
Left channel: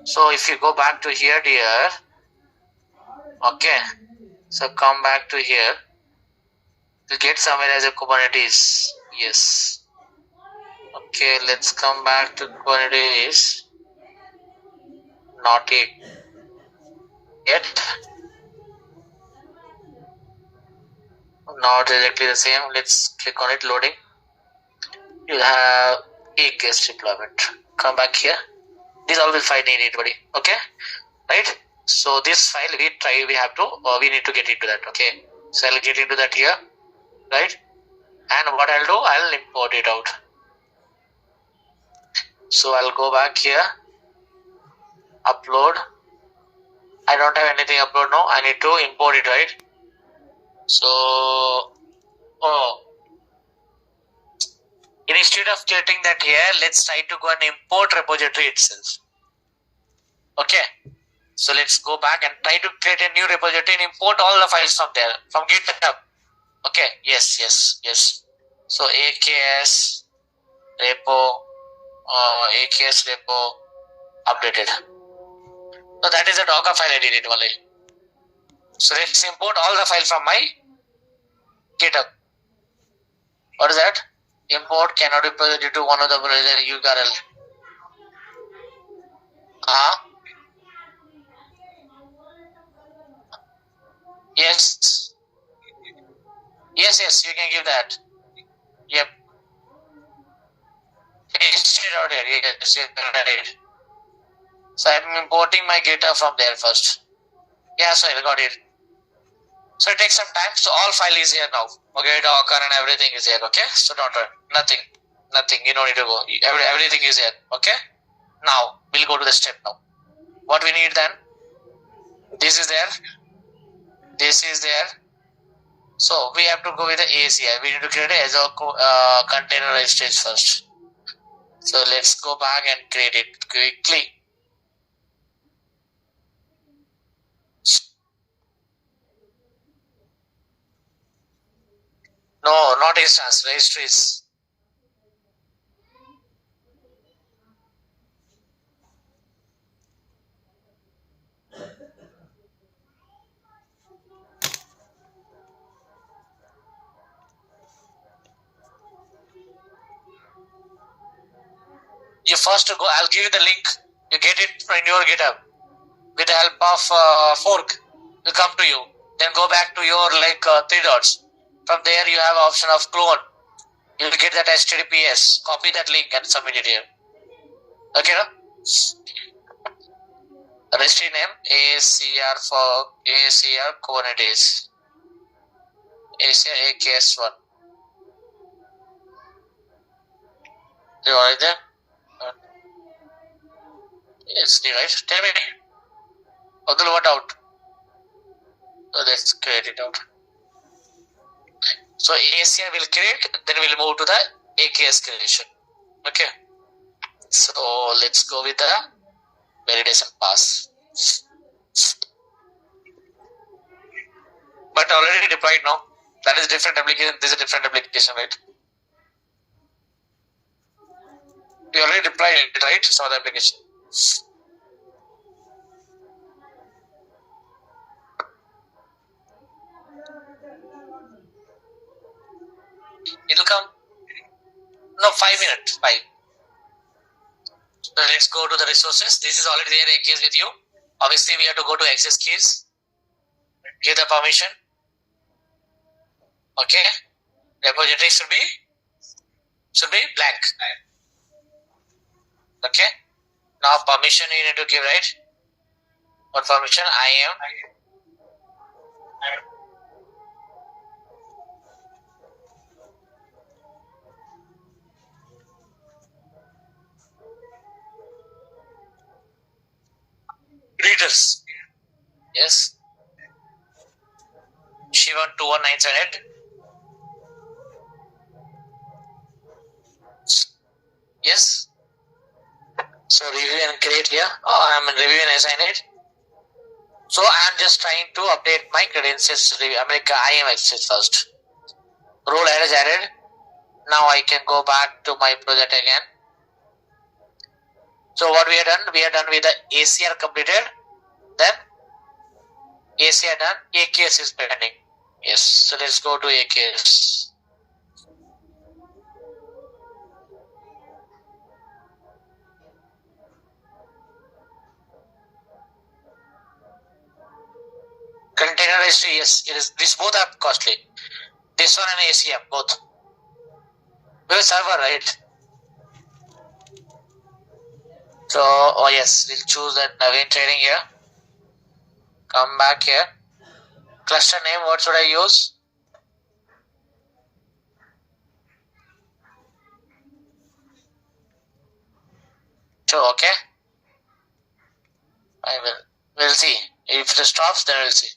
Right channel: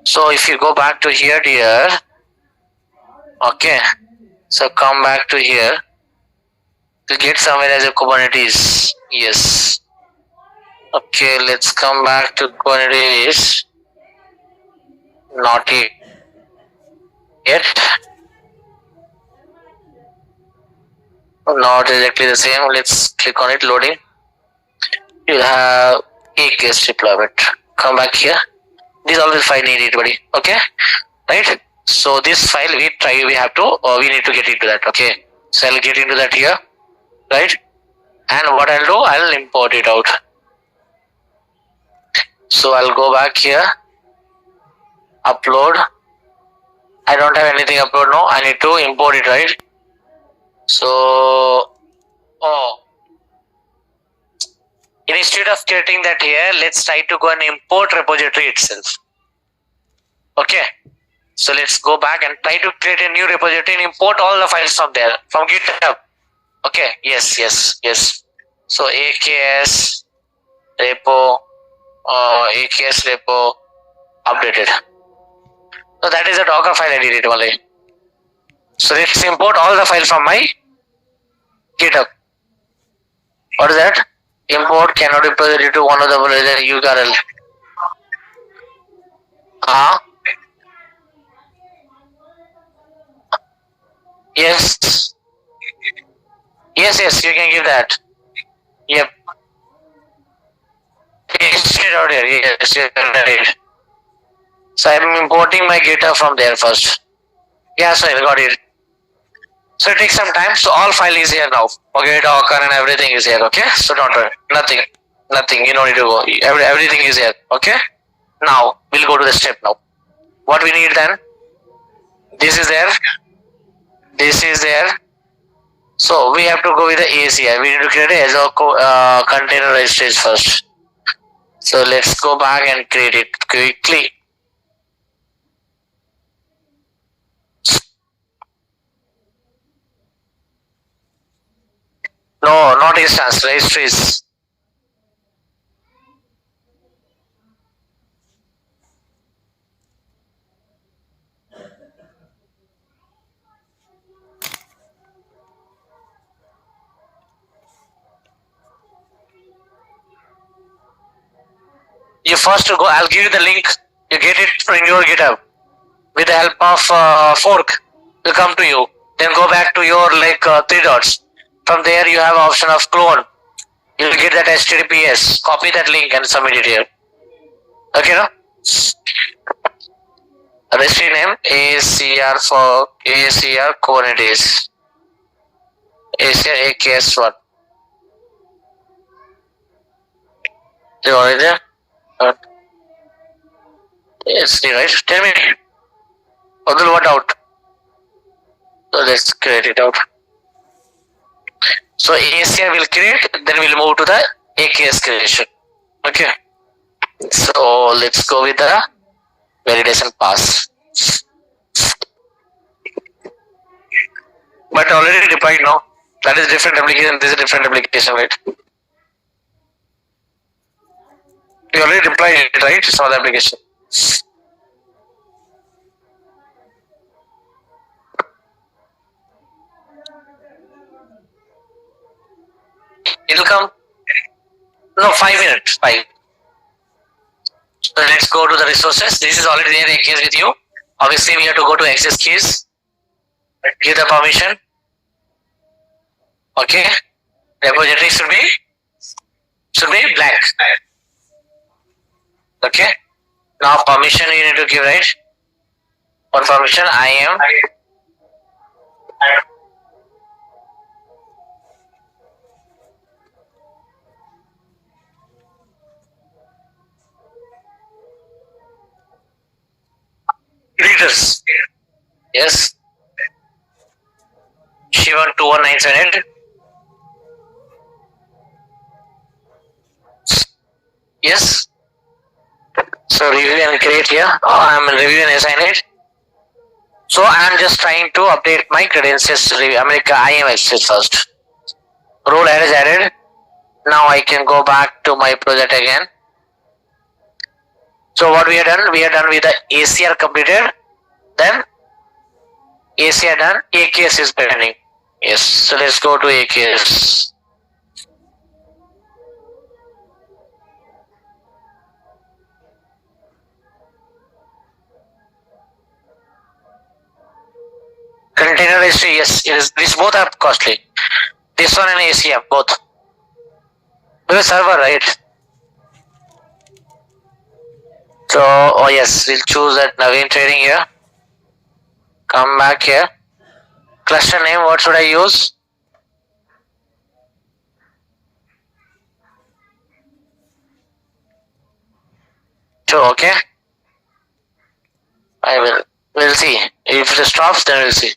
So if you go back to here, dear, okay, so come back to here. We'll get somewhere as a Kubernetes. Yes. Okay, let's come back to Kubernetes. Not yet. Not exactly the same. Let's click on it, loading. You have AKS deployment. Come back here. These all will find needed, buddy. Okay, right? So this file we need to get into that. Okay, so I'll get into that here, right? And what I'll do, I'll import it out. So I'll go back here, upload. I don't have anything upload now. I need to import it, right? So, instead of getting that here, let's try to go and import repository itself. Okay. So let's go back and try to create a new repository and import all the files from there, from GitHub. Okay. Yes. So AKS repo, AKS repo updated. So that is a Docker file I did it only. So let's import all the files from my GitHub. What is that? Import cannot be presented to one of the URL. Yes, you can give that. Yep. Paste it out here. Yes, you can right. So I'm importing my GitHub from there first. Yeah, so I got it. So it takes some time. So all file is here now. Okay, Docker and everything is here. Okay, so don't worry. Nothing. You don't need to go. Everything is here. Okay. Now we'll go to the step now. What we need then? This is there. This is there. So we have to go with the ACI. We need to create a Azure container registries first. So let's go back and create it quickly. No, not instance, registries. You first go, I'll give you the link. You get it in your GitHub. With the help of fork, will come to you. Then go back to your three dots. From there you have option of clone. You'll get that HTTPS. Copy that link and submit it here. Okay, no? Registry name ACR for ACR Kubernetes. ACR AKS1. You already there? Yes, right. Tell me. Other what out? So let's create it out. So ACR will create, then we'll move to the AKS creation. Okay. So let's go with the validation pass. But already deployed now. That is different application. This is a different application, right? We already deployed it, right? It's not the application. It'll come. No, 5 minutes. 5. So let's go to the resources. This is already there AKS with you. Obviously, we have to go to access keys. Give the permission. Okay. Repository should be blank. Okay. Now permission you need to give, right? What permission? I am. Readers. Yes. Shivan 21978. Yes. So review and create here. I'm review and assign it. So I'm just trying to update my credentials. I am access first. Role is added. Now I can go back to my project again. So what we have done? We are done with the ACR completed. Then ACR done. AKS is pending. Yes. So let's go to AKS. Container registry, yes, it is. These both are costly. This one and ACM, both. Because server, right? So, yes, we'll choose that Naveen trading here. Come back here. Cluster name, what should I use? Two, okay. We'll see. If it stops, then we'll see.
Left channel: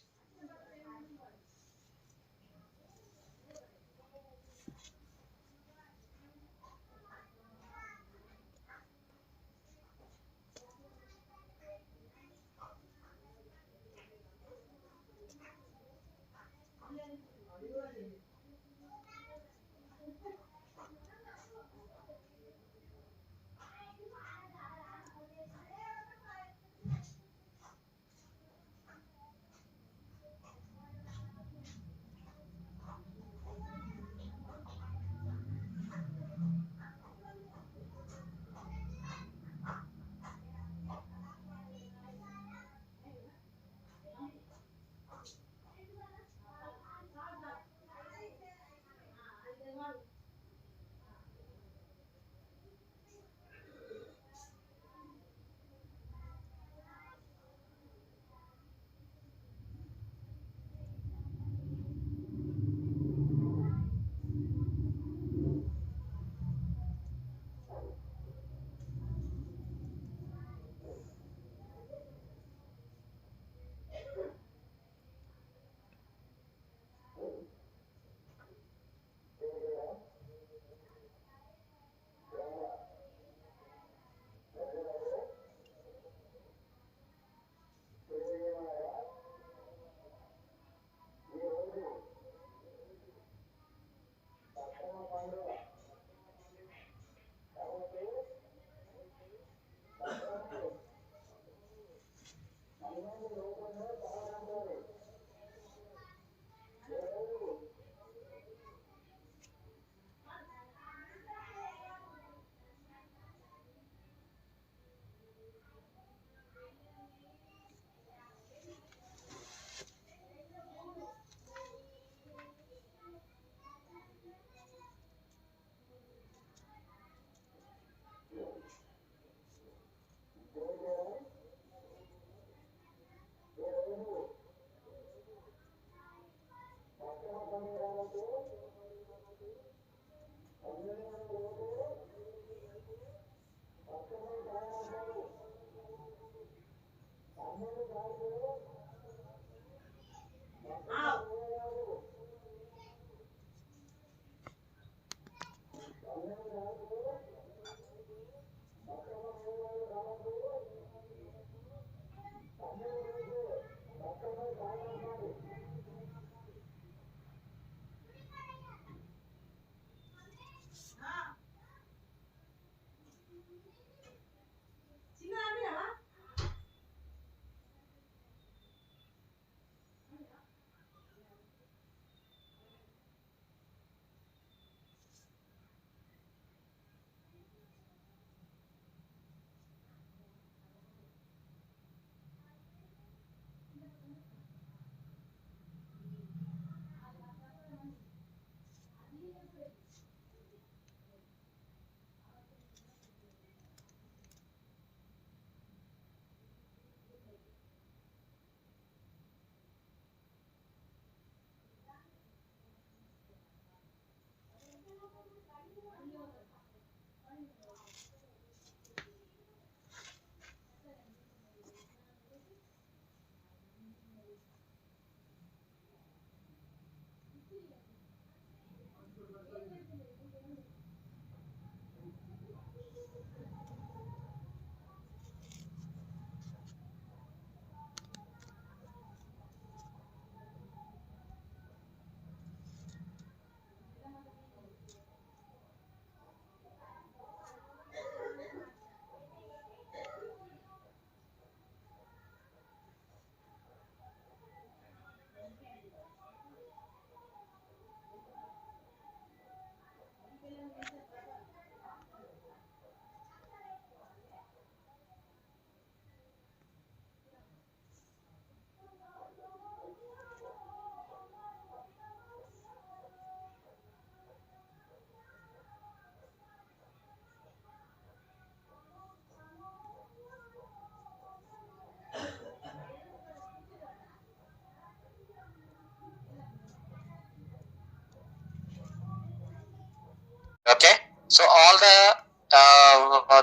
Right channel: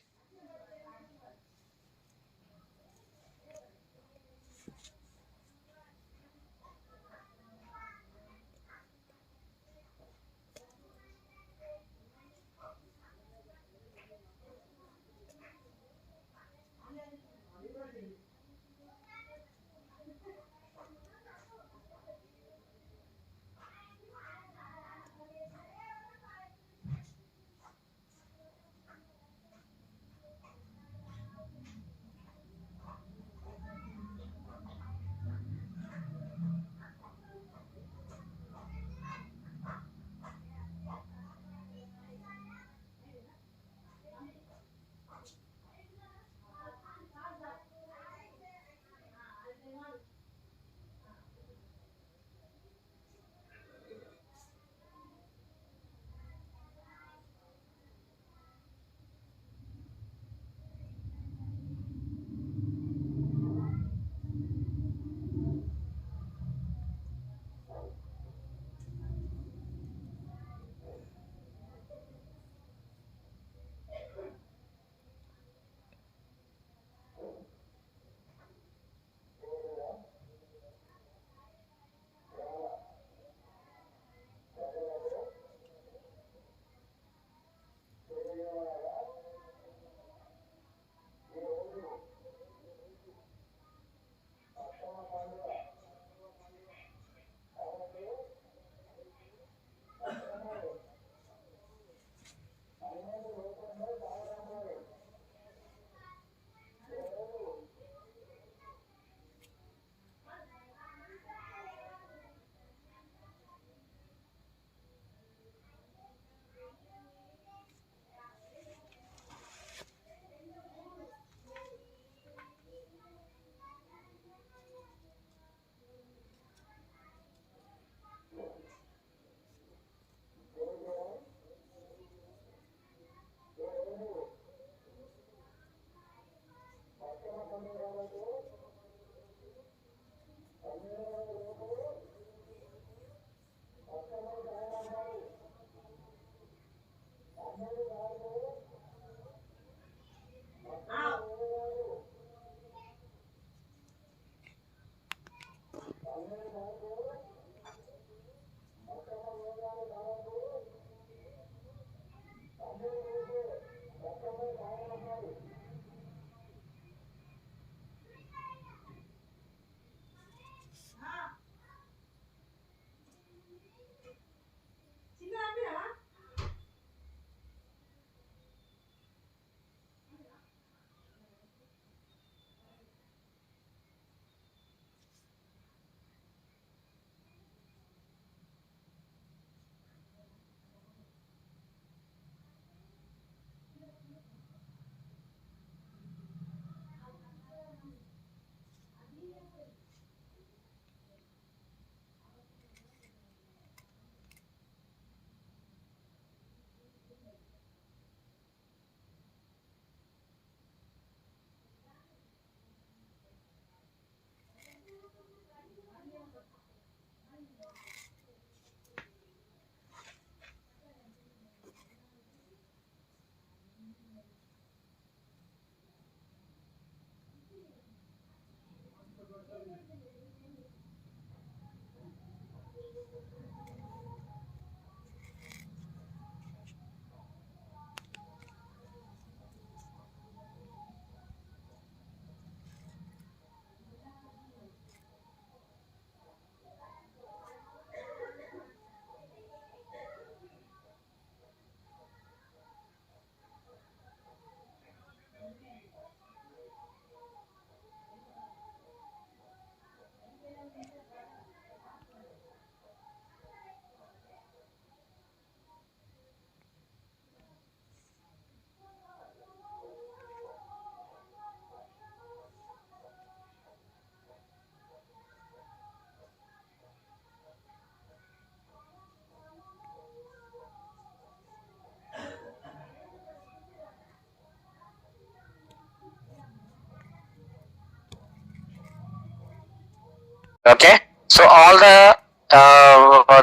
Okay, so all the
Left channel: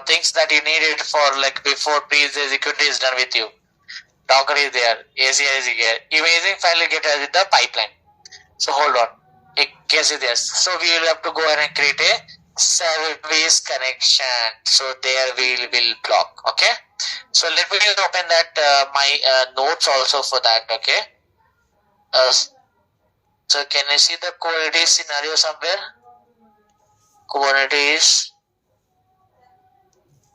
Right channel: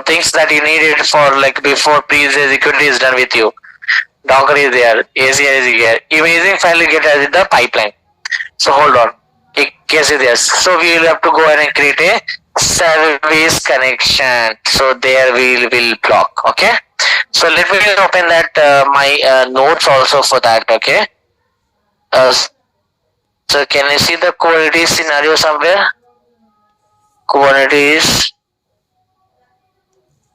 things that you needed for like before pre-security is done with you. Docker is there, ACR is here. Imaging file you get as the pipeline. So hold on. Yes, it is. So we will have to go ahead and create a service connection. So there we will block. Okay. So let me open that my notes also for that. Okay. So can you see the Kubernetes scenario somewhere? Kubernetes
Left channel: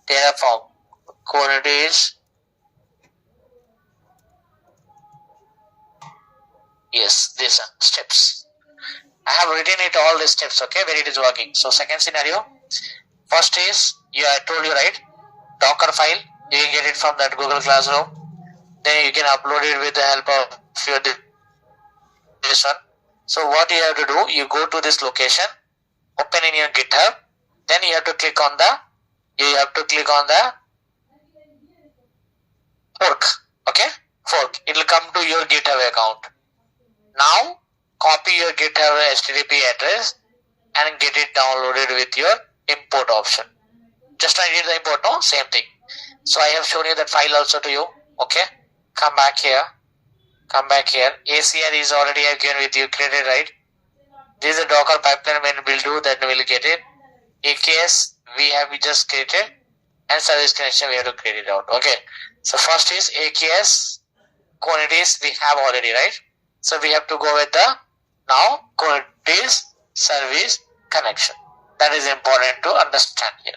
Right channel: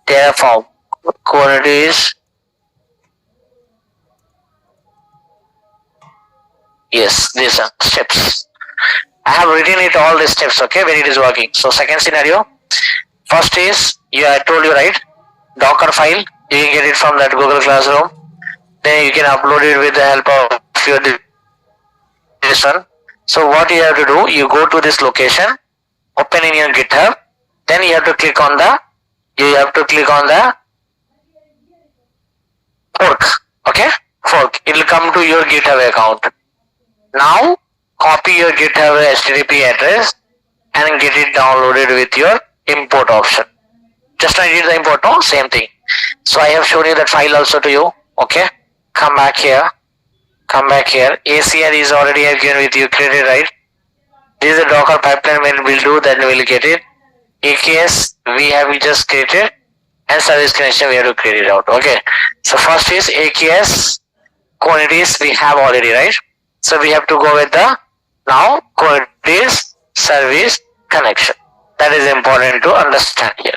Terraform. Kubernetes. Yes, these are steps. I have written it all the steps, okay, when it is working. So second scenario, first is, I told you right, Docker file, you can get it from that Google Classroom. Then you can upload it with the help of your this one. So what you have to do, you go to this location, open in your GitHub, then you have to click on the fork, okay, fork. It will come to your GitHub account. Now copy your GitHub HTTP address and get it downloaded with your import option. Just like the import, no? Same thing. So I have shown you that file also to you. Okay. Come back here. ACR is already given with you, created, right? This is the Docker pipeline. When we'll do, then we'll get it. AKS we have just created, and service connection we have to create it out. Okay. So first is AKS quantities we have already, right? So we have to go with the now Kubernetes service connection. That is important to understand here.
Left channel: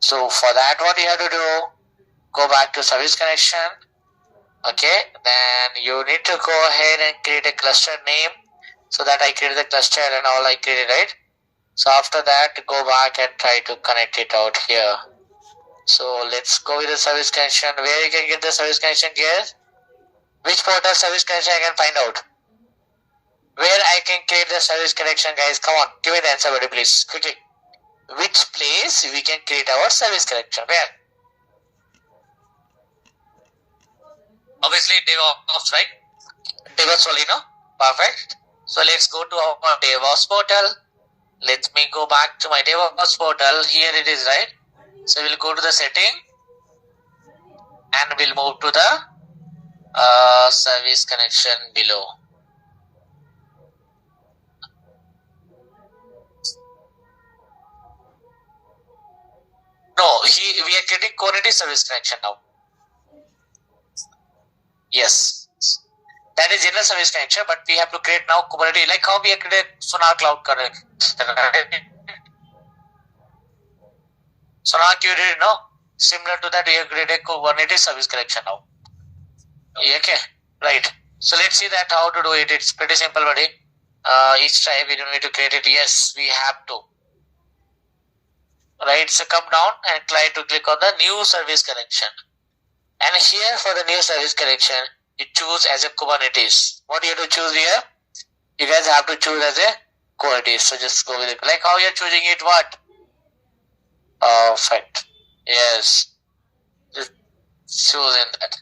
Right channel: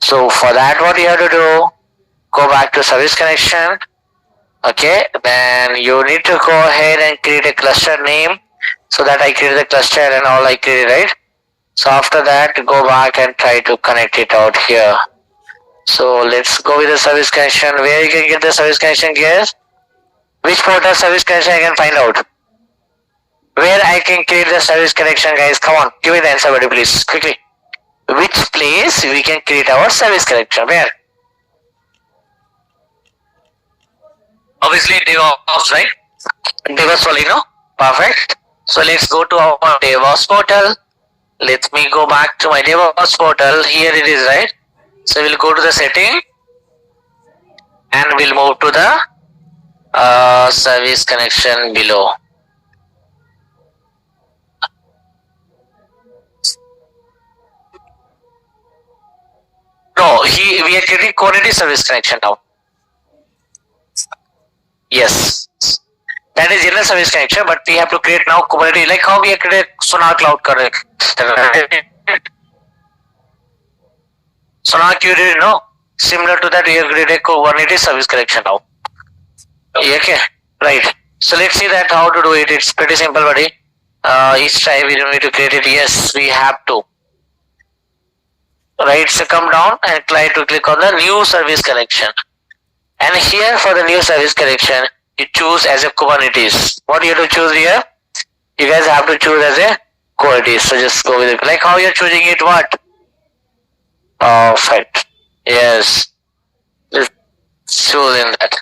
So for that, what you have to do, go back to service connection. Okay, then you need to go ahead and create a cluster name. So that I create the cluster and all I create, right? So after that, go back and try to connect it out here. So let's go with the service connection. Where you can get the service connection, guys? Which portal service connection I can find out? Where I can create the service connection, guys? Come on, give me the answer, buddy, please, quickly. Which place we can create our service connection? Where? Obviously, DevOps, right? DevOps only, no? Perfect. So let's go to our DevOps portal. Let me go back to my DevOps portal. Here it is, right? So we'll go to the setting and we'll move to the service connection below. No, we are creating Kubernetes service connection now. Yes, that is general service connection, but we have to create now Kubernetes, like how we have created Sonar Cloud Connect. Sonar Cloud, no? Similar to that, we have created Kubernetes service connection now. Okay, right. So let's see that how to do it. It's pretty simple, buddy. Each time we don't need to create it. Yes, we have to. Right, so come down and try to click on the new service connection. And here for the new service connection, you choose as a Kubernetes. What you have to choose here? You guys have to choose as a Kubernetes. So just go with it. Like how you're choosing it, what? Perfect. Yes. Let's choose in that.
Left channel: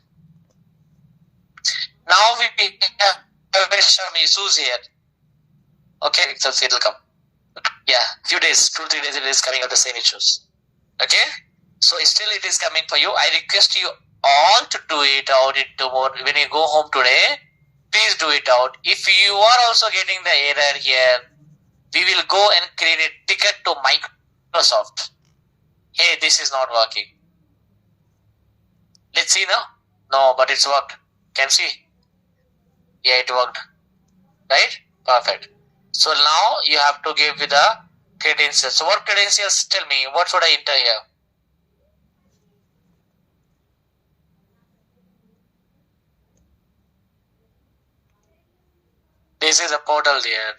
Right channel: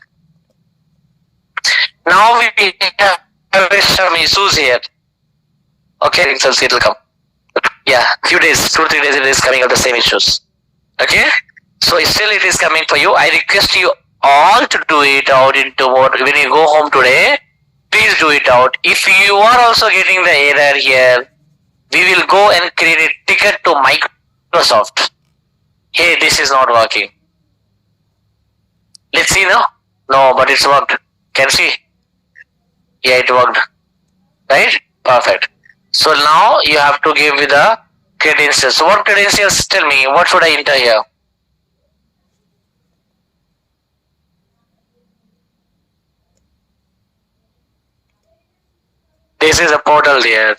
Now we have some issues here. Okay, so it will come. Yeah, few days, 2-3 days it is coming up the same issues. Okay, so still it is coming for you. I request you all to do it out in tomorrow. When you go home today, please do it out. If you are also getting the error here, we will go and create a ticket to Microsoft. Hey, this is not working. Let's see, no? No, but it's worked. Can see? Yeah, it worked. Right? Perfect. So now you have to give me the credentials. So what credentials? Tell me, what should I enter here? This is a portal here.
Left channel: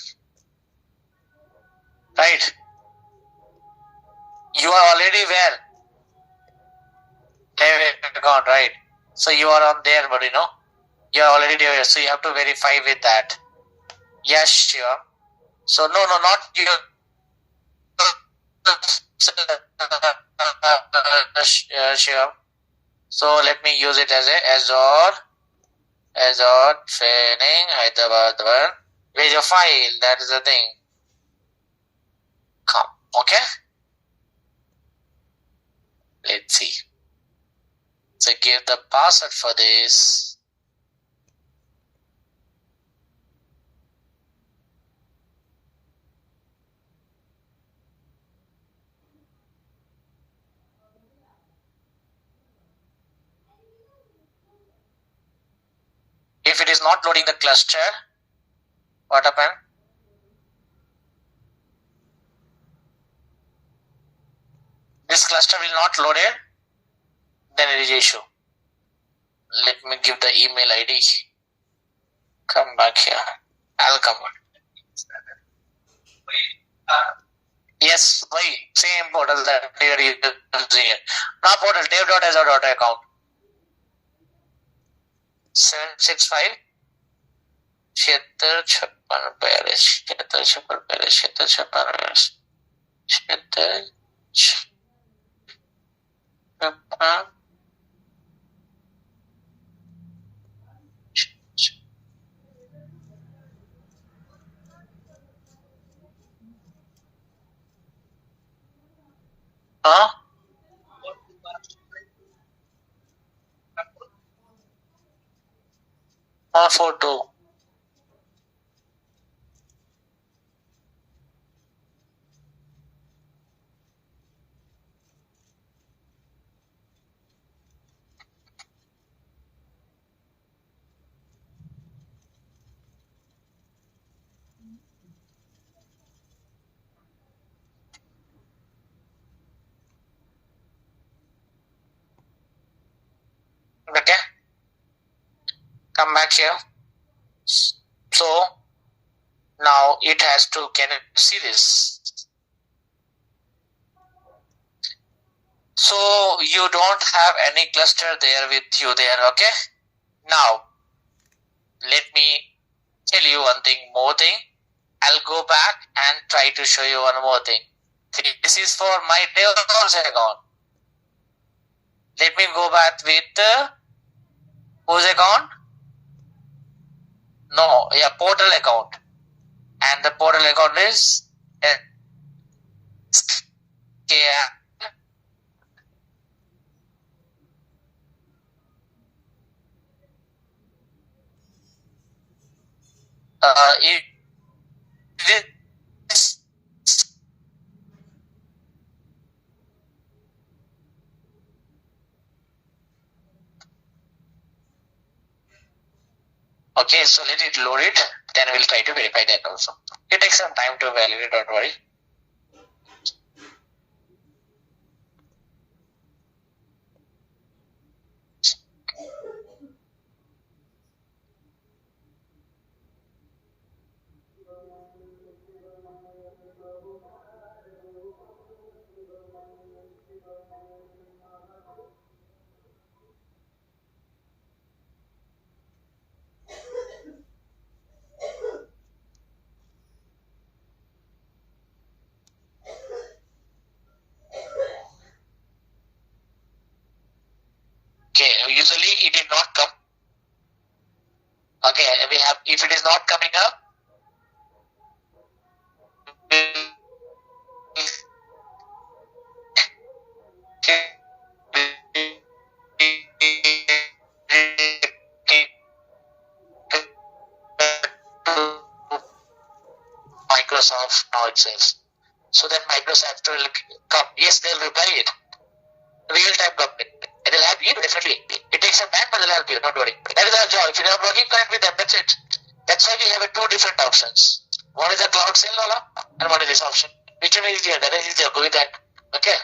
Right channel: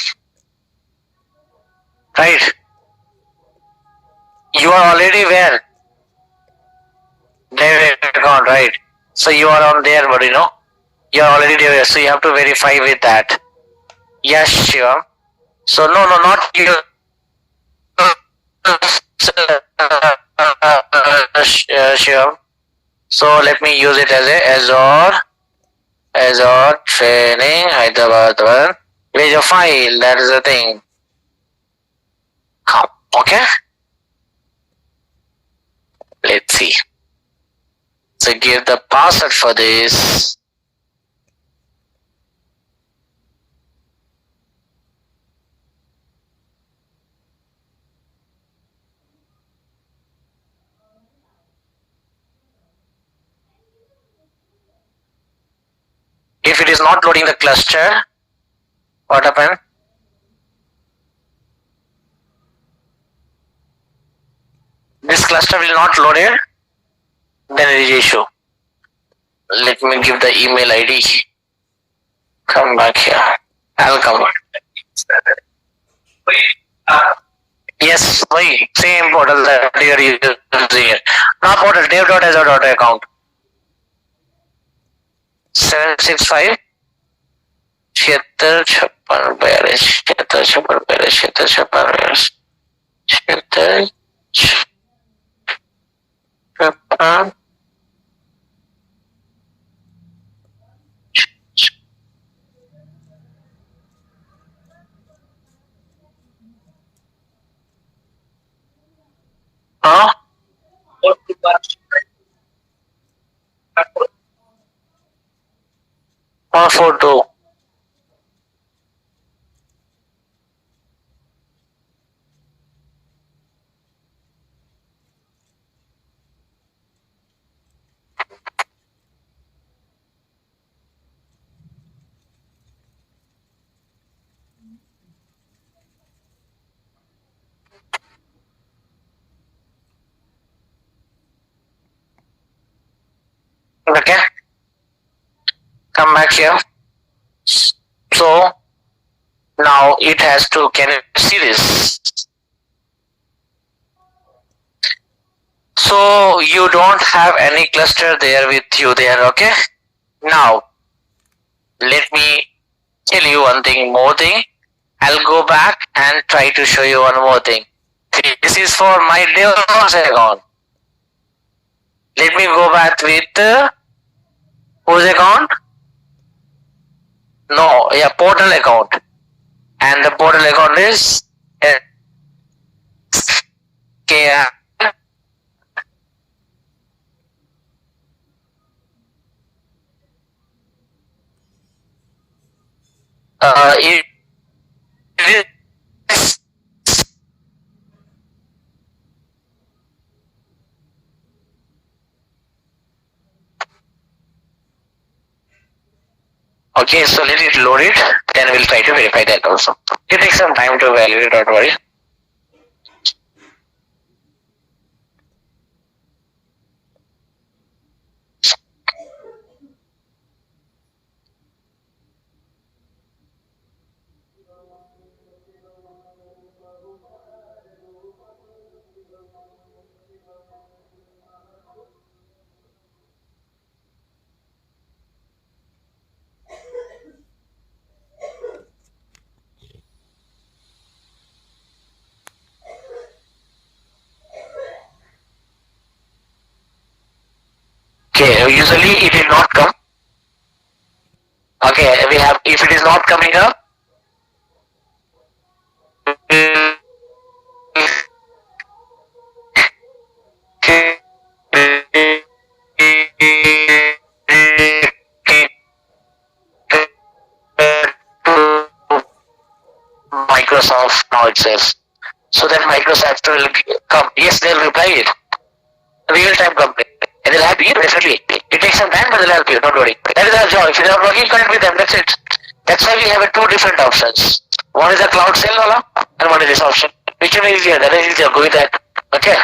Right? You are already where? Dev account, right? So you are on there, but you know, you are already there. So you have to verify with that. Yes, sure. So no, not you. Sure. So let me use it as a Azure training Hyderabad one. Where's your file? That is the thing. Okay, let's see. So give the password for this. If it is not loading the cluster, what happened? This cluster will not load it, then it is issue. Let me give the email ID. Come back here. I'll come. Yes, why? Same portal that you are using here. Not portal, dev.azure.account. 765 76 56 76 56 76 76 56 Huh? Photo. Okay. Come back here. So now it has to, can you see this? So you don't have any cluster there with you there, okay? Now let me tell you one thing more thing. I'll go back and try to show you one more thing. This is for my DevOps account. Let me go back with whose account? No, yeah, portal account. And the portal account is SK. It is okay, so let it load it, then we'll try to verify that also. It takes some time to validate, don't worry. Okay, usually it will not come. Okay, we have, if it is not coming up, Microsoft now it says. So then Microsoft will come. Yes, they'll reply it. Real time company. And they'll help you, definitely. It takes some time, but they'll help you, don't worry. That is our job. If you're not working, connect with them, that's it. That's why we have two different options. One is the cloud sale wala, and one is this option. Which one is easier? That is easier. Go with that. Okay.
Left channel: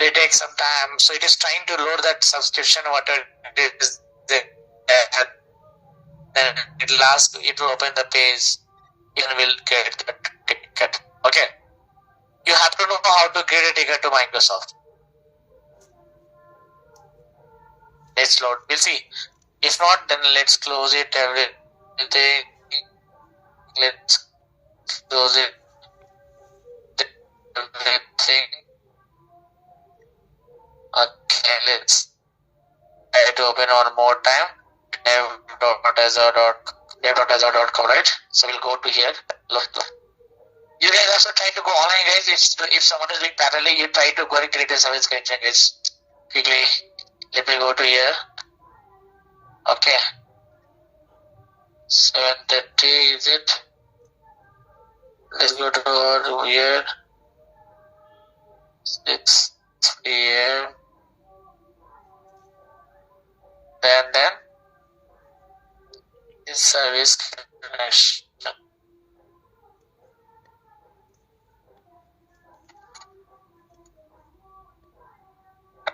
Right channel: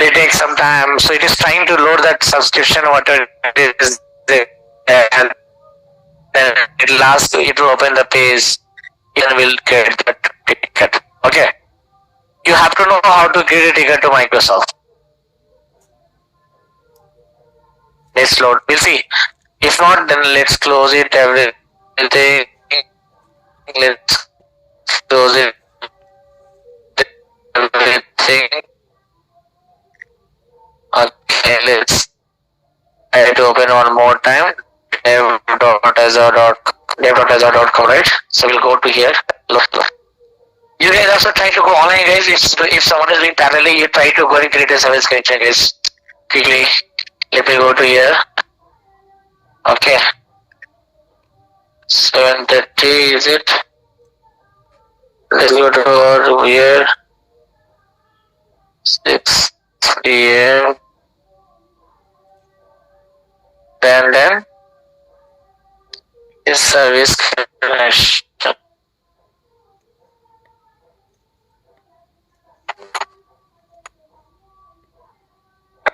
It takes some time, so it is trying to load that subscription, whatever it is, and then it will open the page, and we'll get that ticket. Okay. You have to know how to create a ticket to Microsoft. Let's load. We'll see. If not, then let's close it. Everything. Let's close it. Everything. Okay, let's try to open one more time. dev.azure.com, right? So we'll go to here. You guys also try to go online, guys. If someone is doing parallelly, you try to go and create a service connection, guys. Quickly. Let me go to here. Okay. 7:30 is it? Let's go to here. 6 p.m. Then is service connection.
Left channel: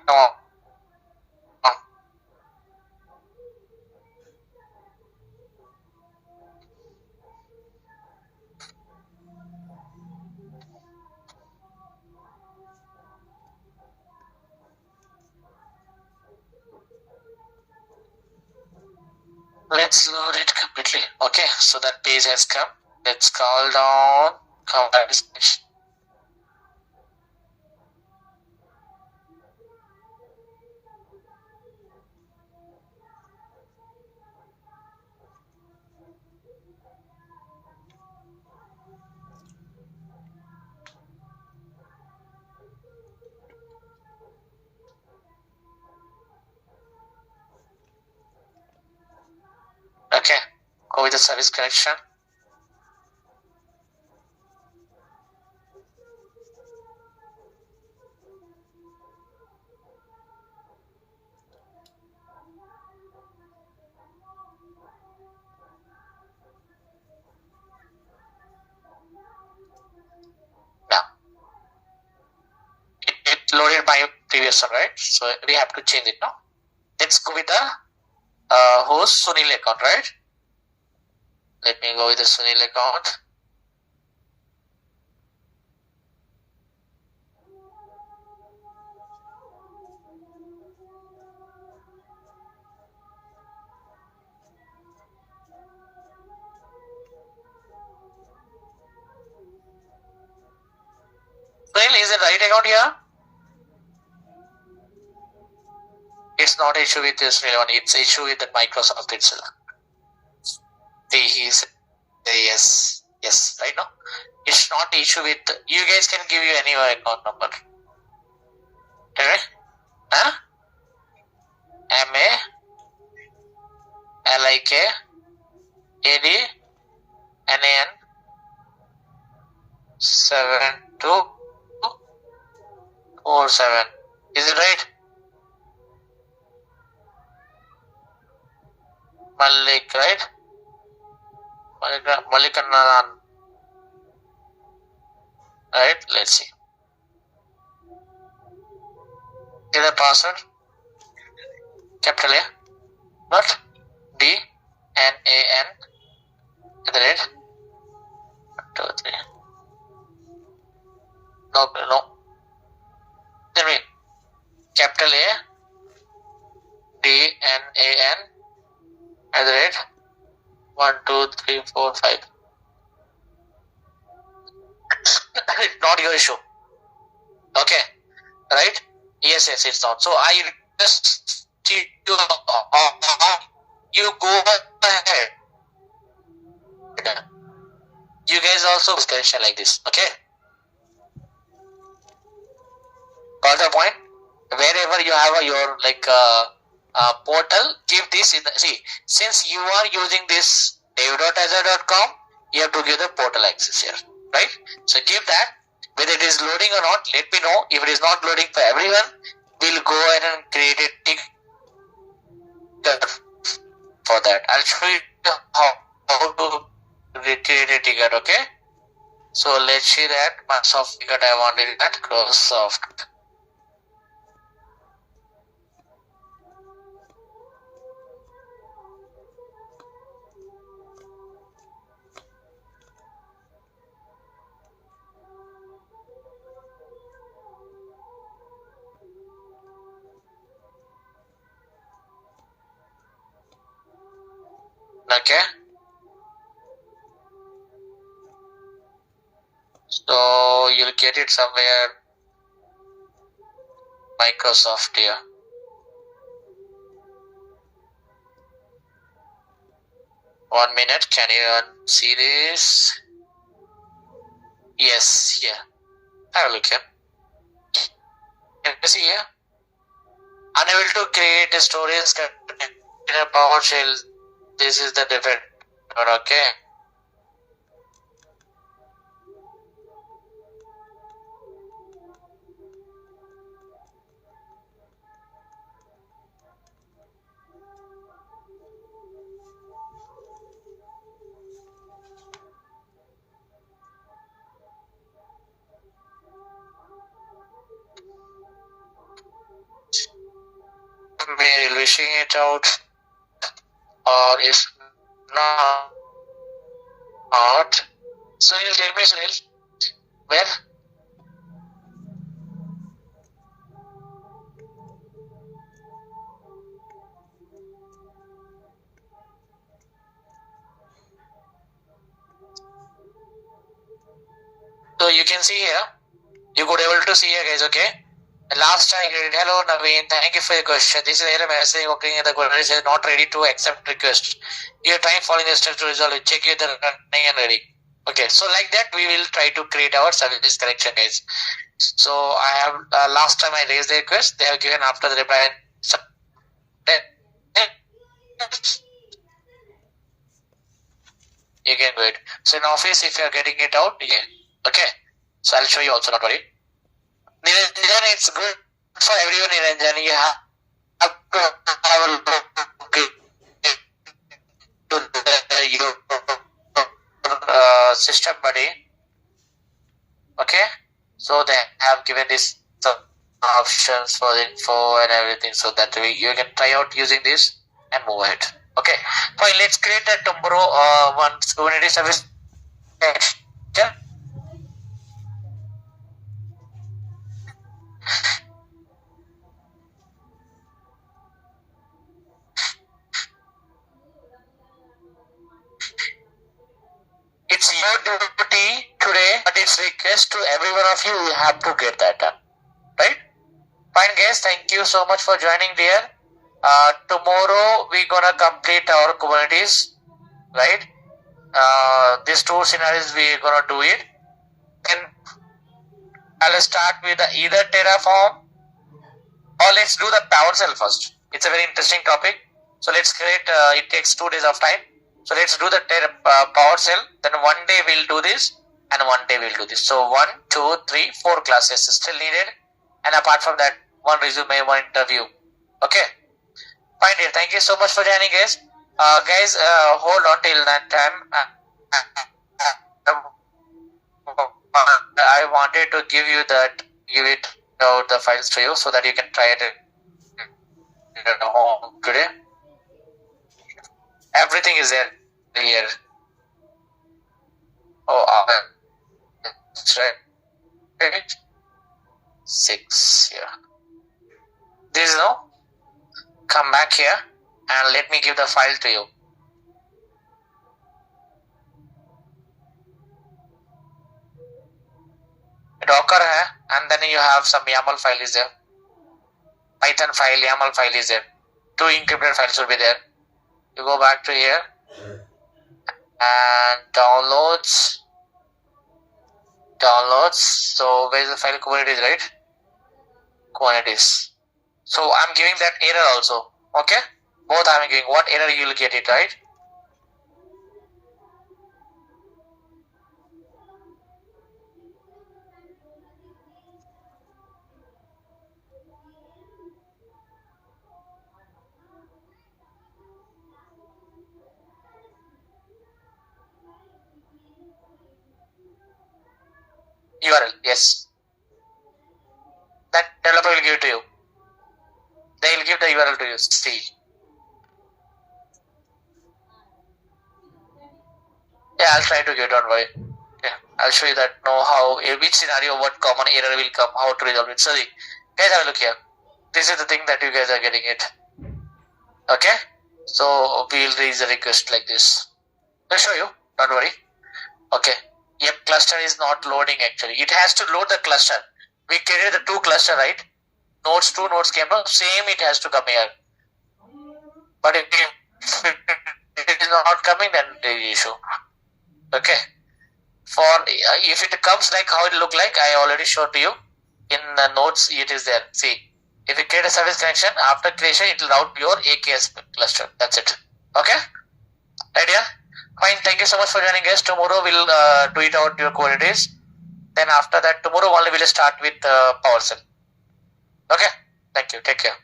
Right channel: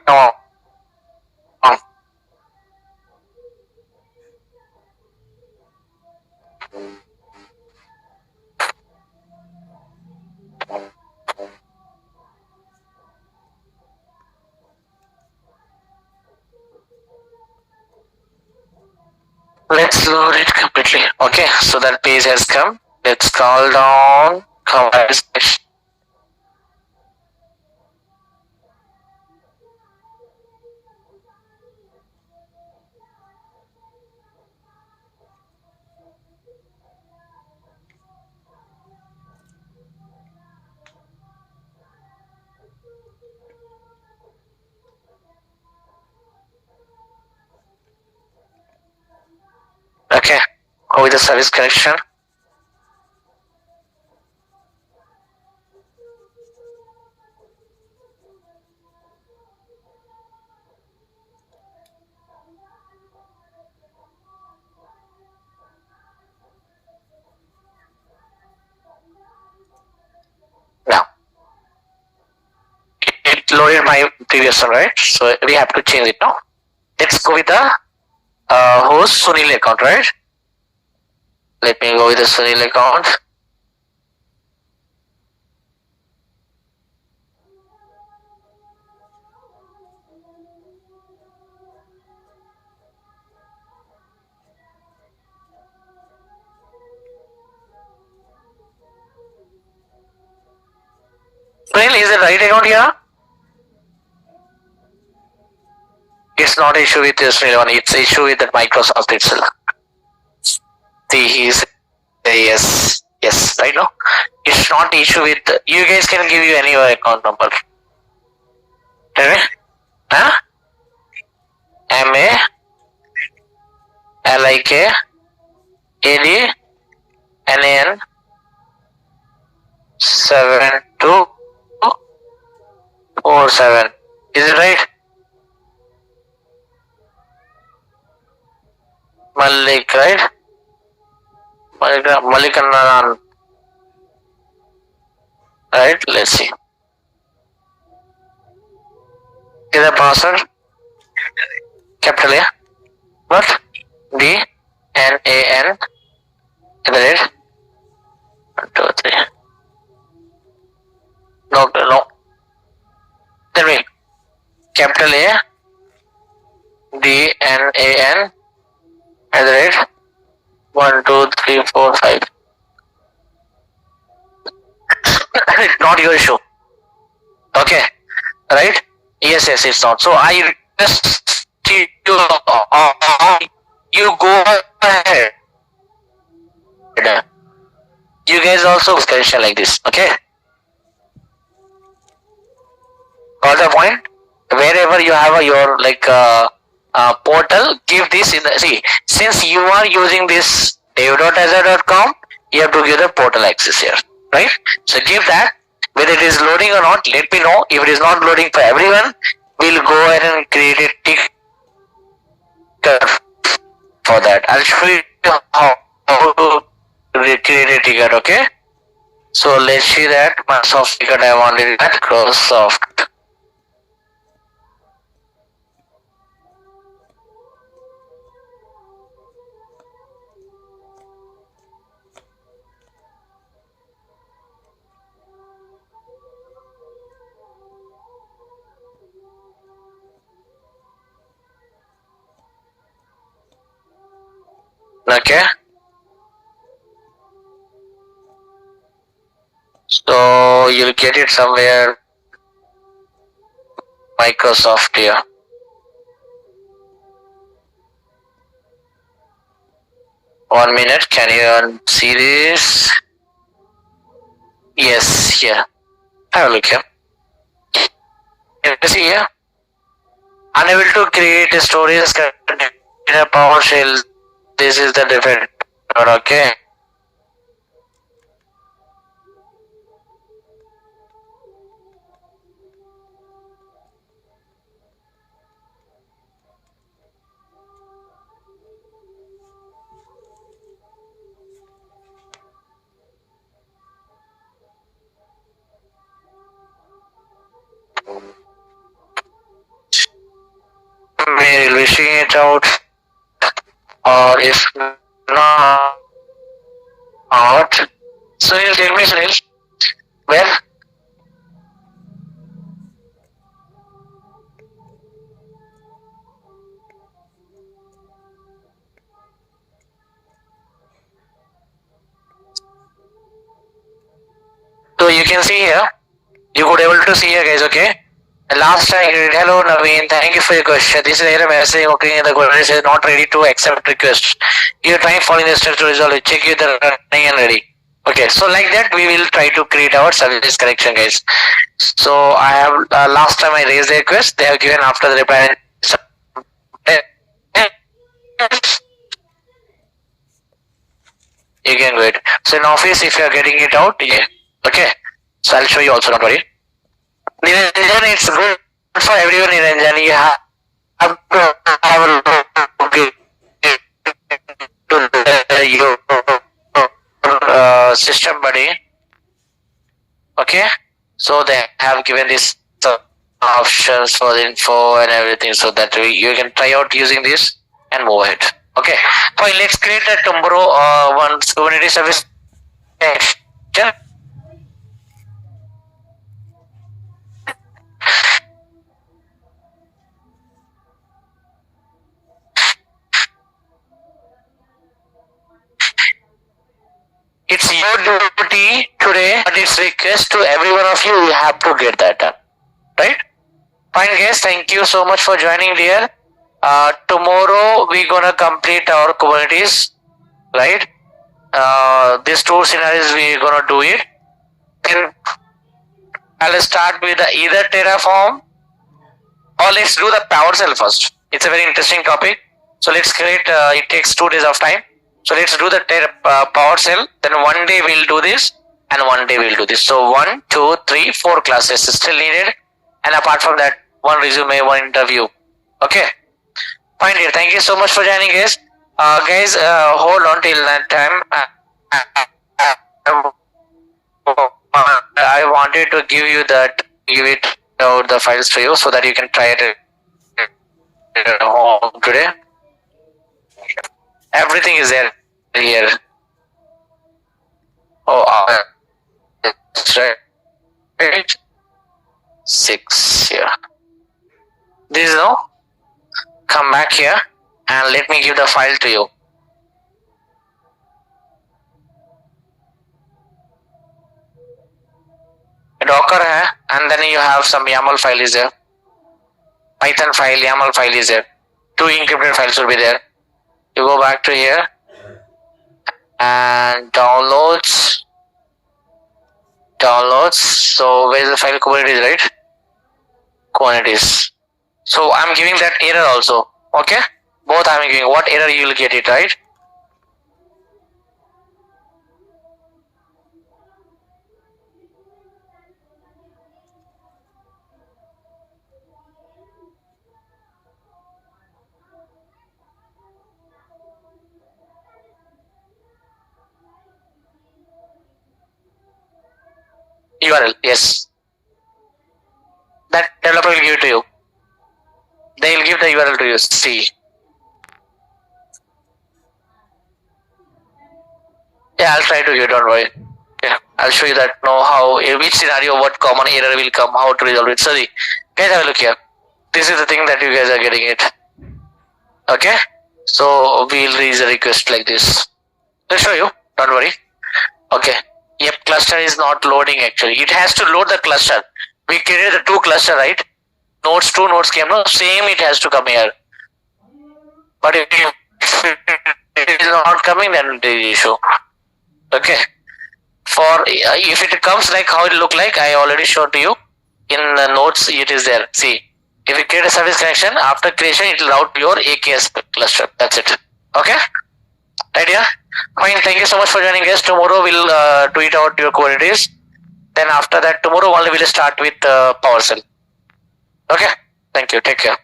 No. Let's load it completely. Okay, so that page has come. Let's scroll down. Command section. Okay, go with the service connection. Now, it loaded my previous one, right? So we have to change it now. Let's go with the host Sunil account, right? Let me go with the Sunil account. Sunil, is the right account here? It's not an issue with this Sunil one, it's an issue with the Microsoft itself. See, he's yes, right now. It's not an issue with you guys can give you any account number. Tell me? Huh? MALIKADNAN 7247. Is it right? Malik, right? Malikanan. Right? Let's see. Is the password? Capital A. What? DNAN. Is that it? 1, 2, 3. No. Tell me. Capital A. DNAN. At the rate 1, 2, 3, 4, 5. Not your issue. Okay, right? Yes, it's not. So I request you you go ahead. You guys also connection like this. Okay. Got the point? Wherever you have your portal, give this in the since you are using this dev.azure.com, you have to give the portal access here, right? So give that. Whether it is loading or not, let me know. If it is not loading for everyone, we'll go ahead and create a ticket for that. I'll show you how to create a ticket. Okay. So let's see that Microsoft ticket I wanted at Microsoft. Okay. So you'll get it somewhere. Microsoft here. One minute. Can you see this? Yes. Here. Have a look here. Can you see here? Unable to create a storage in a PowerShell. This is the defect. Okay. We'll be seeing it out, or if not, Sunil, tell me, Sunil, where? So you can see here, you could able to see here, guys. Okay. Last time, hello Naveen, thank you for your question. This is error message occurring the query is not ready to accept request. You try following the steps to resolve it. Check if the running and ready. Okay, so like that we will try to create our service correction, guys. So I have last time I raised the request, they have given after the reply. You can go it. So in Office, if you are getting it out, yeah. Okay. So I'll show you also. Don't worry. Niranjan, it's good for everyone, Niranjan. You have to have a look to your system, buddy. Okay, so they have given this options for the info and everything, so that you can try out using this and move ahead. Okay, fine. Let's create a tomorrow one Kubernetes service. It's your duty today, but it's request to every one of you. You have to get that done, right? Fine, guys. Thank you so much for joining, dear. Tomorrow we're gonna complete our Kubernetes, right? These two scenarios we're gonna do it. Then I'll start with either Terraform or let's do the PowerShell first. It's a very interesting topic. So let's create. It takes 2 days of time. So let's do the PowerShell. Then one day we'll do this, and one day we'll do this. So 1, 2, 3, 4 classes is still needed, and apart from that, one resume, one interview. Okay, fine, dear. Thank you so much for joining, guys. Guys, hold on till that time. I wanted to give it out the files to you so that you can try it at home today. Everything is there here. Oh, that's right. 6 here. This no. Come back here and let me give the file to you. Docker hai, and then you have some YAML file is there. Python file, YAML file is there. 2 encrypted files will be there. You go back to here and downloads. So where is the file? Kubernetes, right? Kubernetes. So I'm giving that error also. Okay, both I'm giving. What error you will get it, right? URL, yes. That developer will give it to you. They will give the URL to you. See. Yeah, I'll try to give it, don't worry. Yeah, I'll show you that know how, which scenario, what common error will come, how to resolve it. Sorry. Guys, have a look here. This is the thing that you guys are getting it. Okay. So we'll raise a request like this. I'll show you, don't worry. Okay. Yep, cluster is not loading actually. It has to load the cluster. We created the 2 cluster, right? Nodes 2, nodes came, no? Same it has to come here. But if it is not coming, then there is issue. Okay. For if it comes like how it look like, I already showed to you. In the nodes, it is there. See, if you create a service connection, after creation, it will route your AKS cluster. That's it. Okay? Idea? Fine. Thank you so much for joining us. Tomorrow we'll tweet out your queries. Then after that, tomorrow only we'll start with PowerShell. Okay? Thank you. Take care.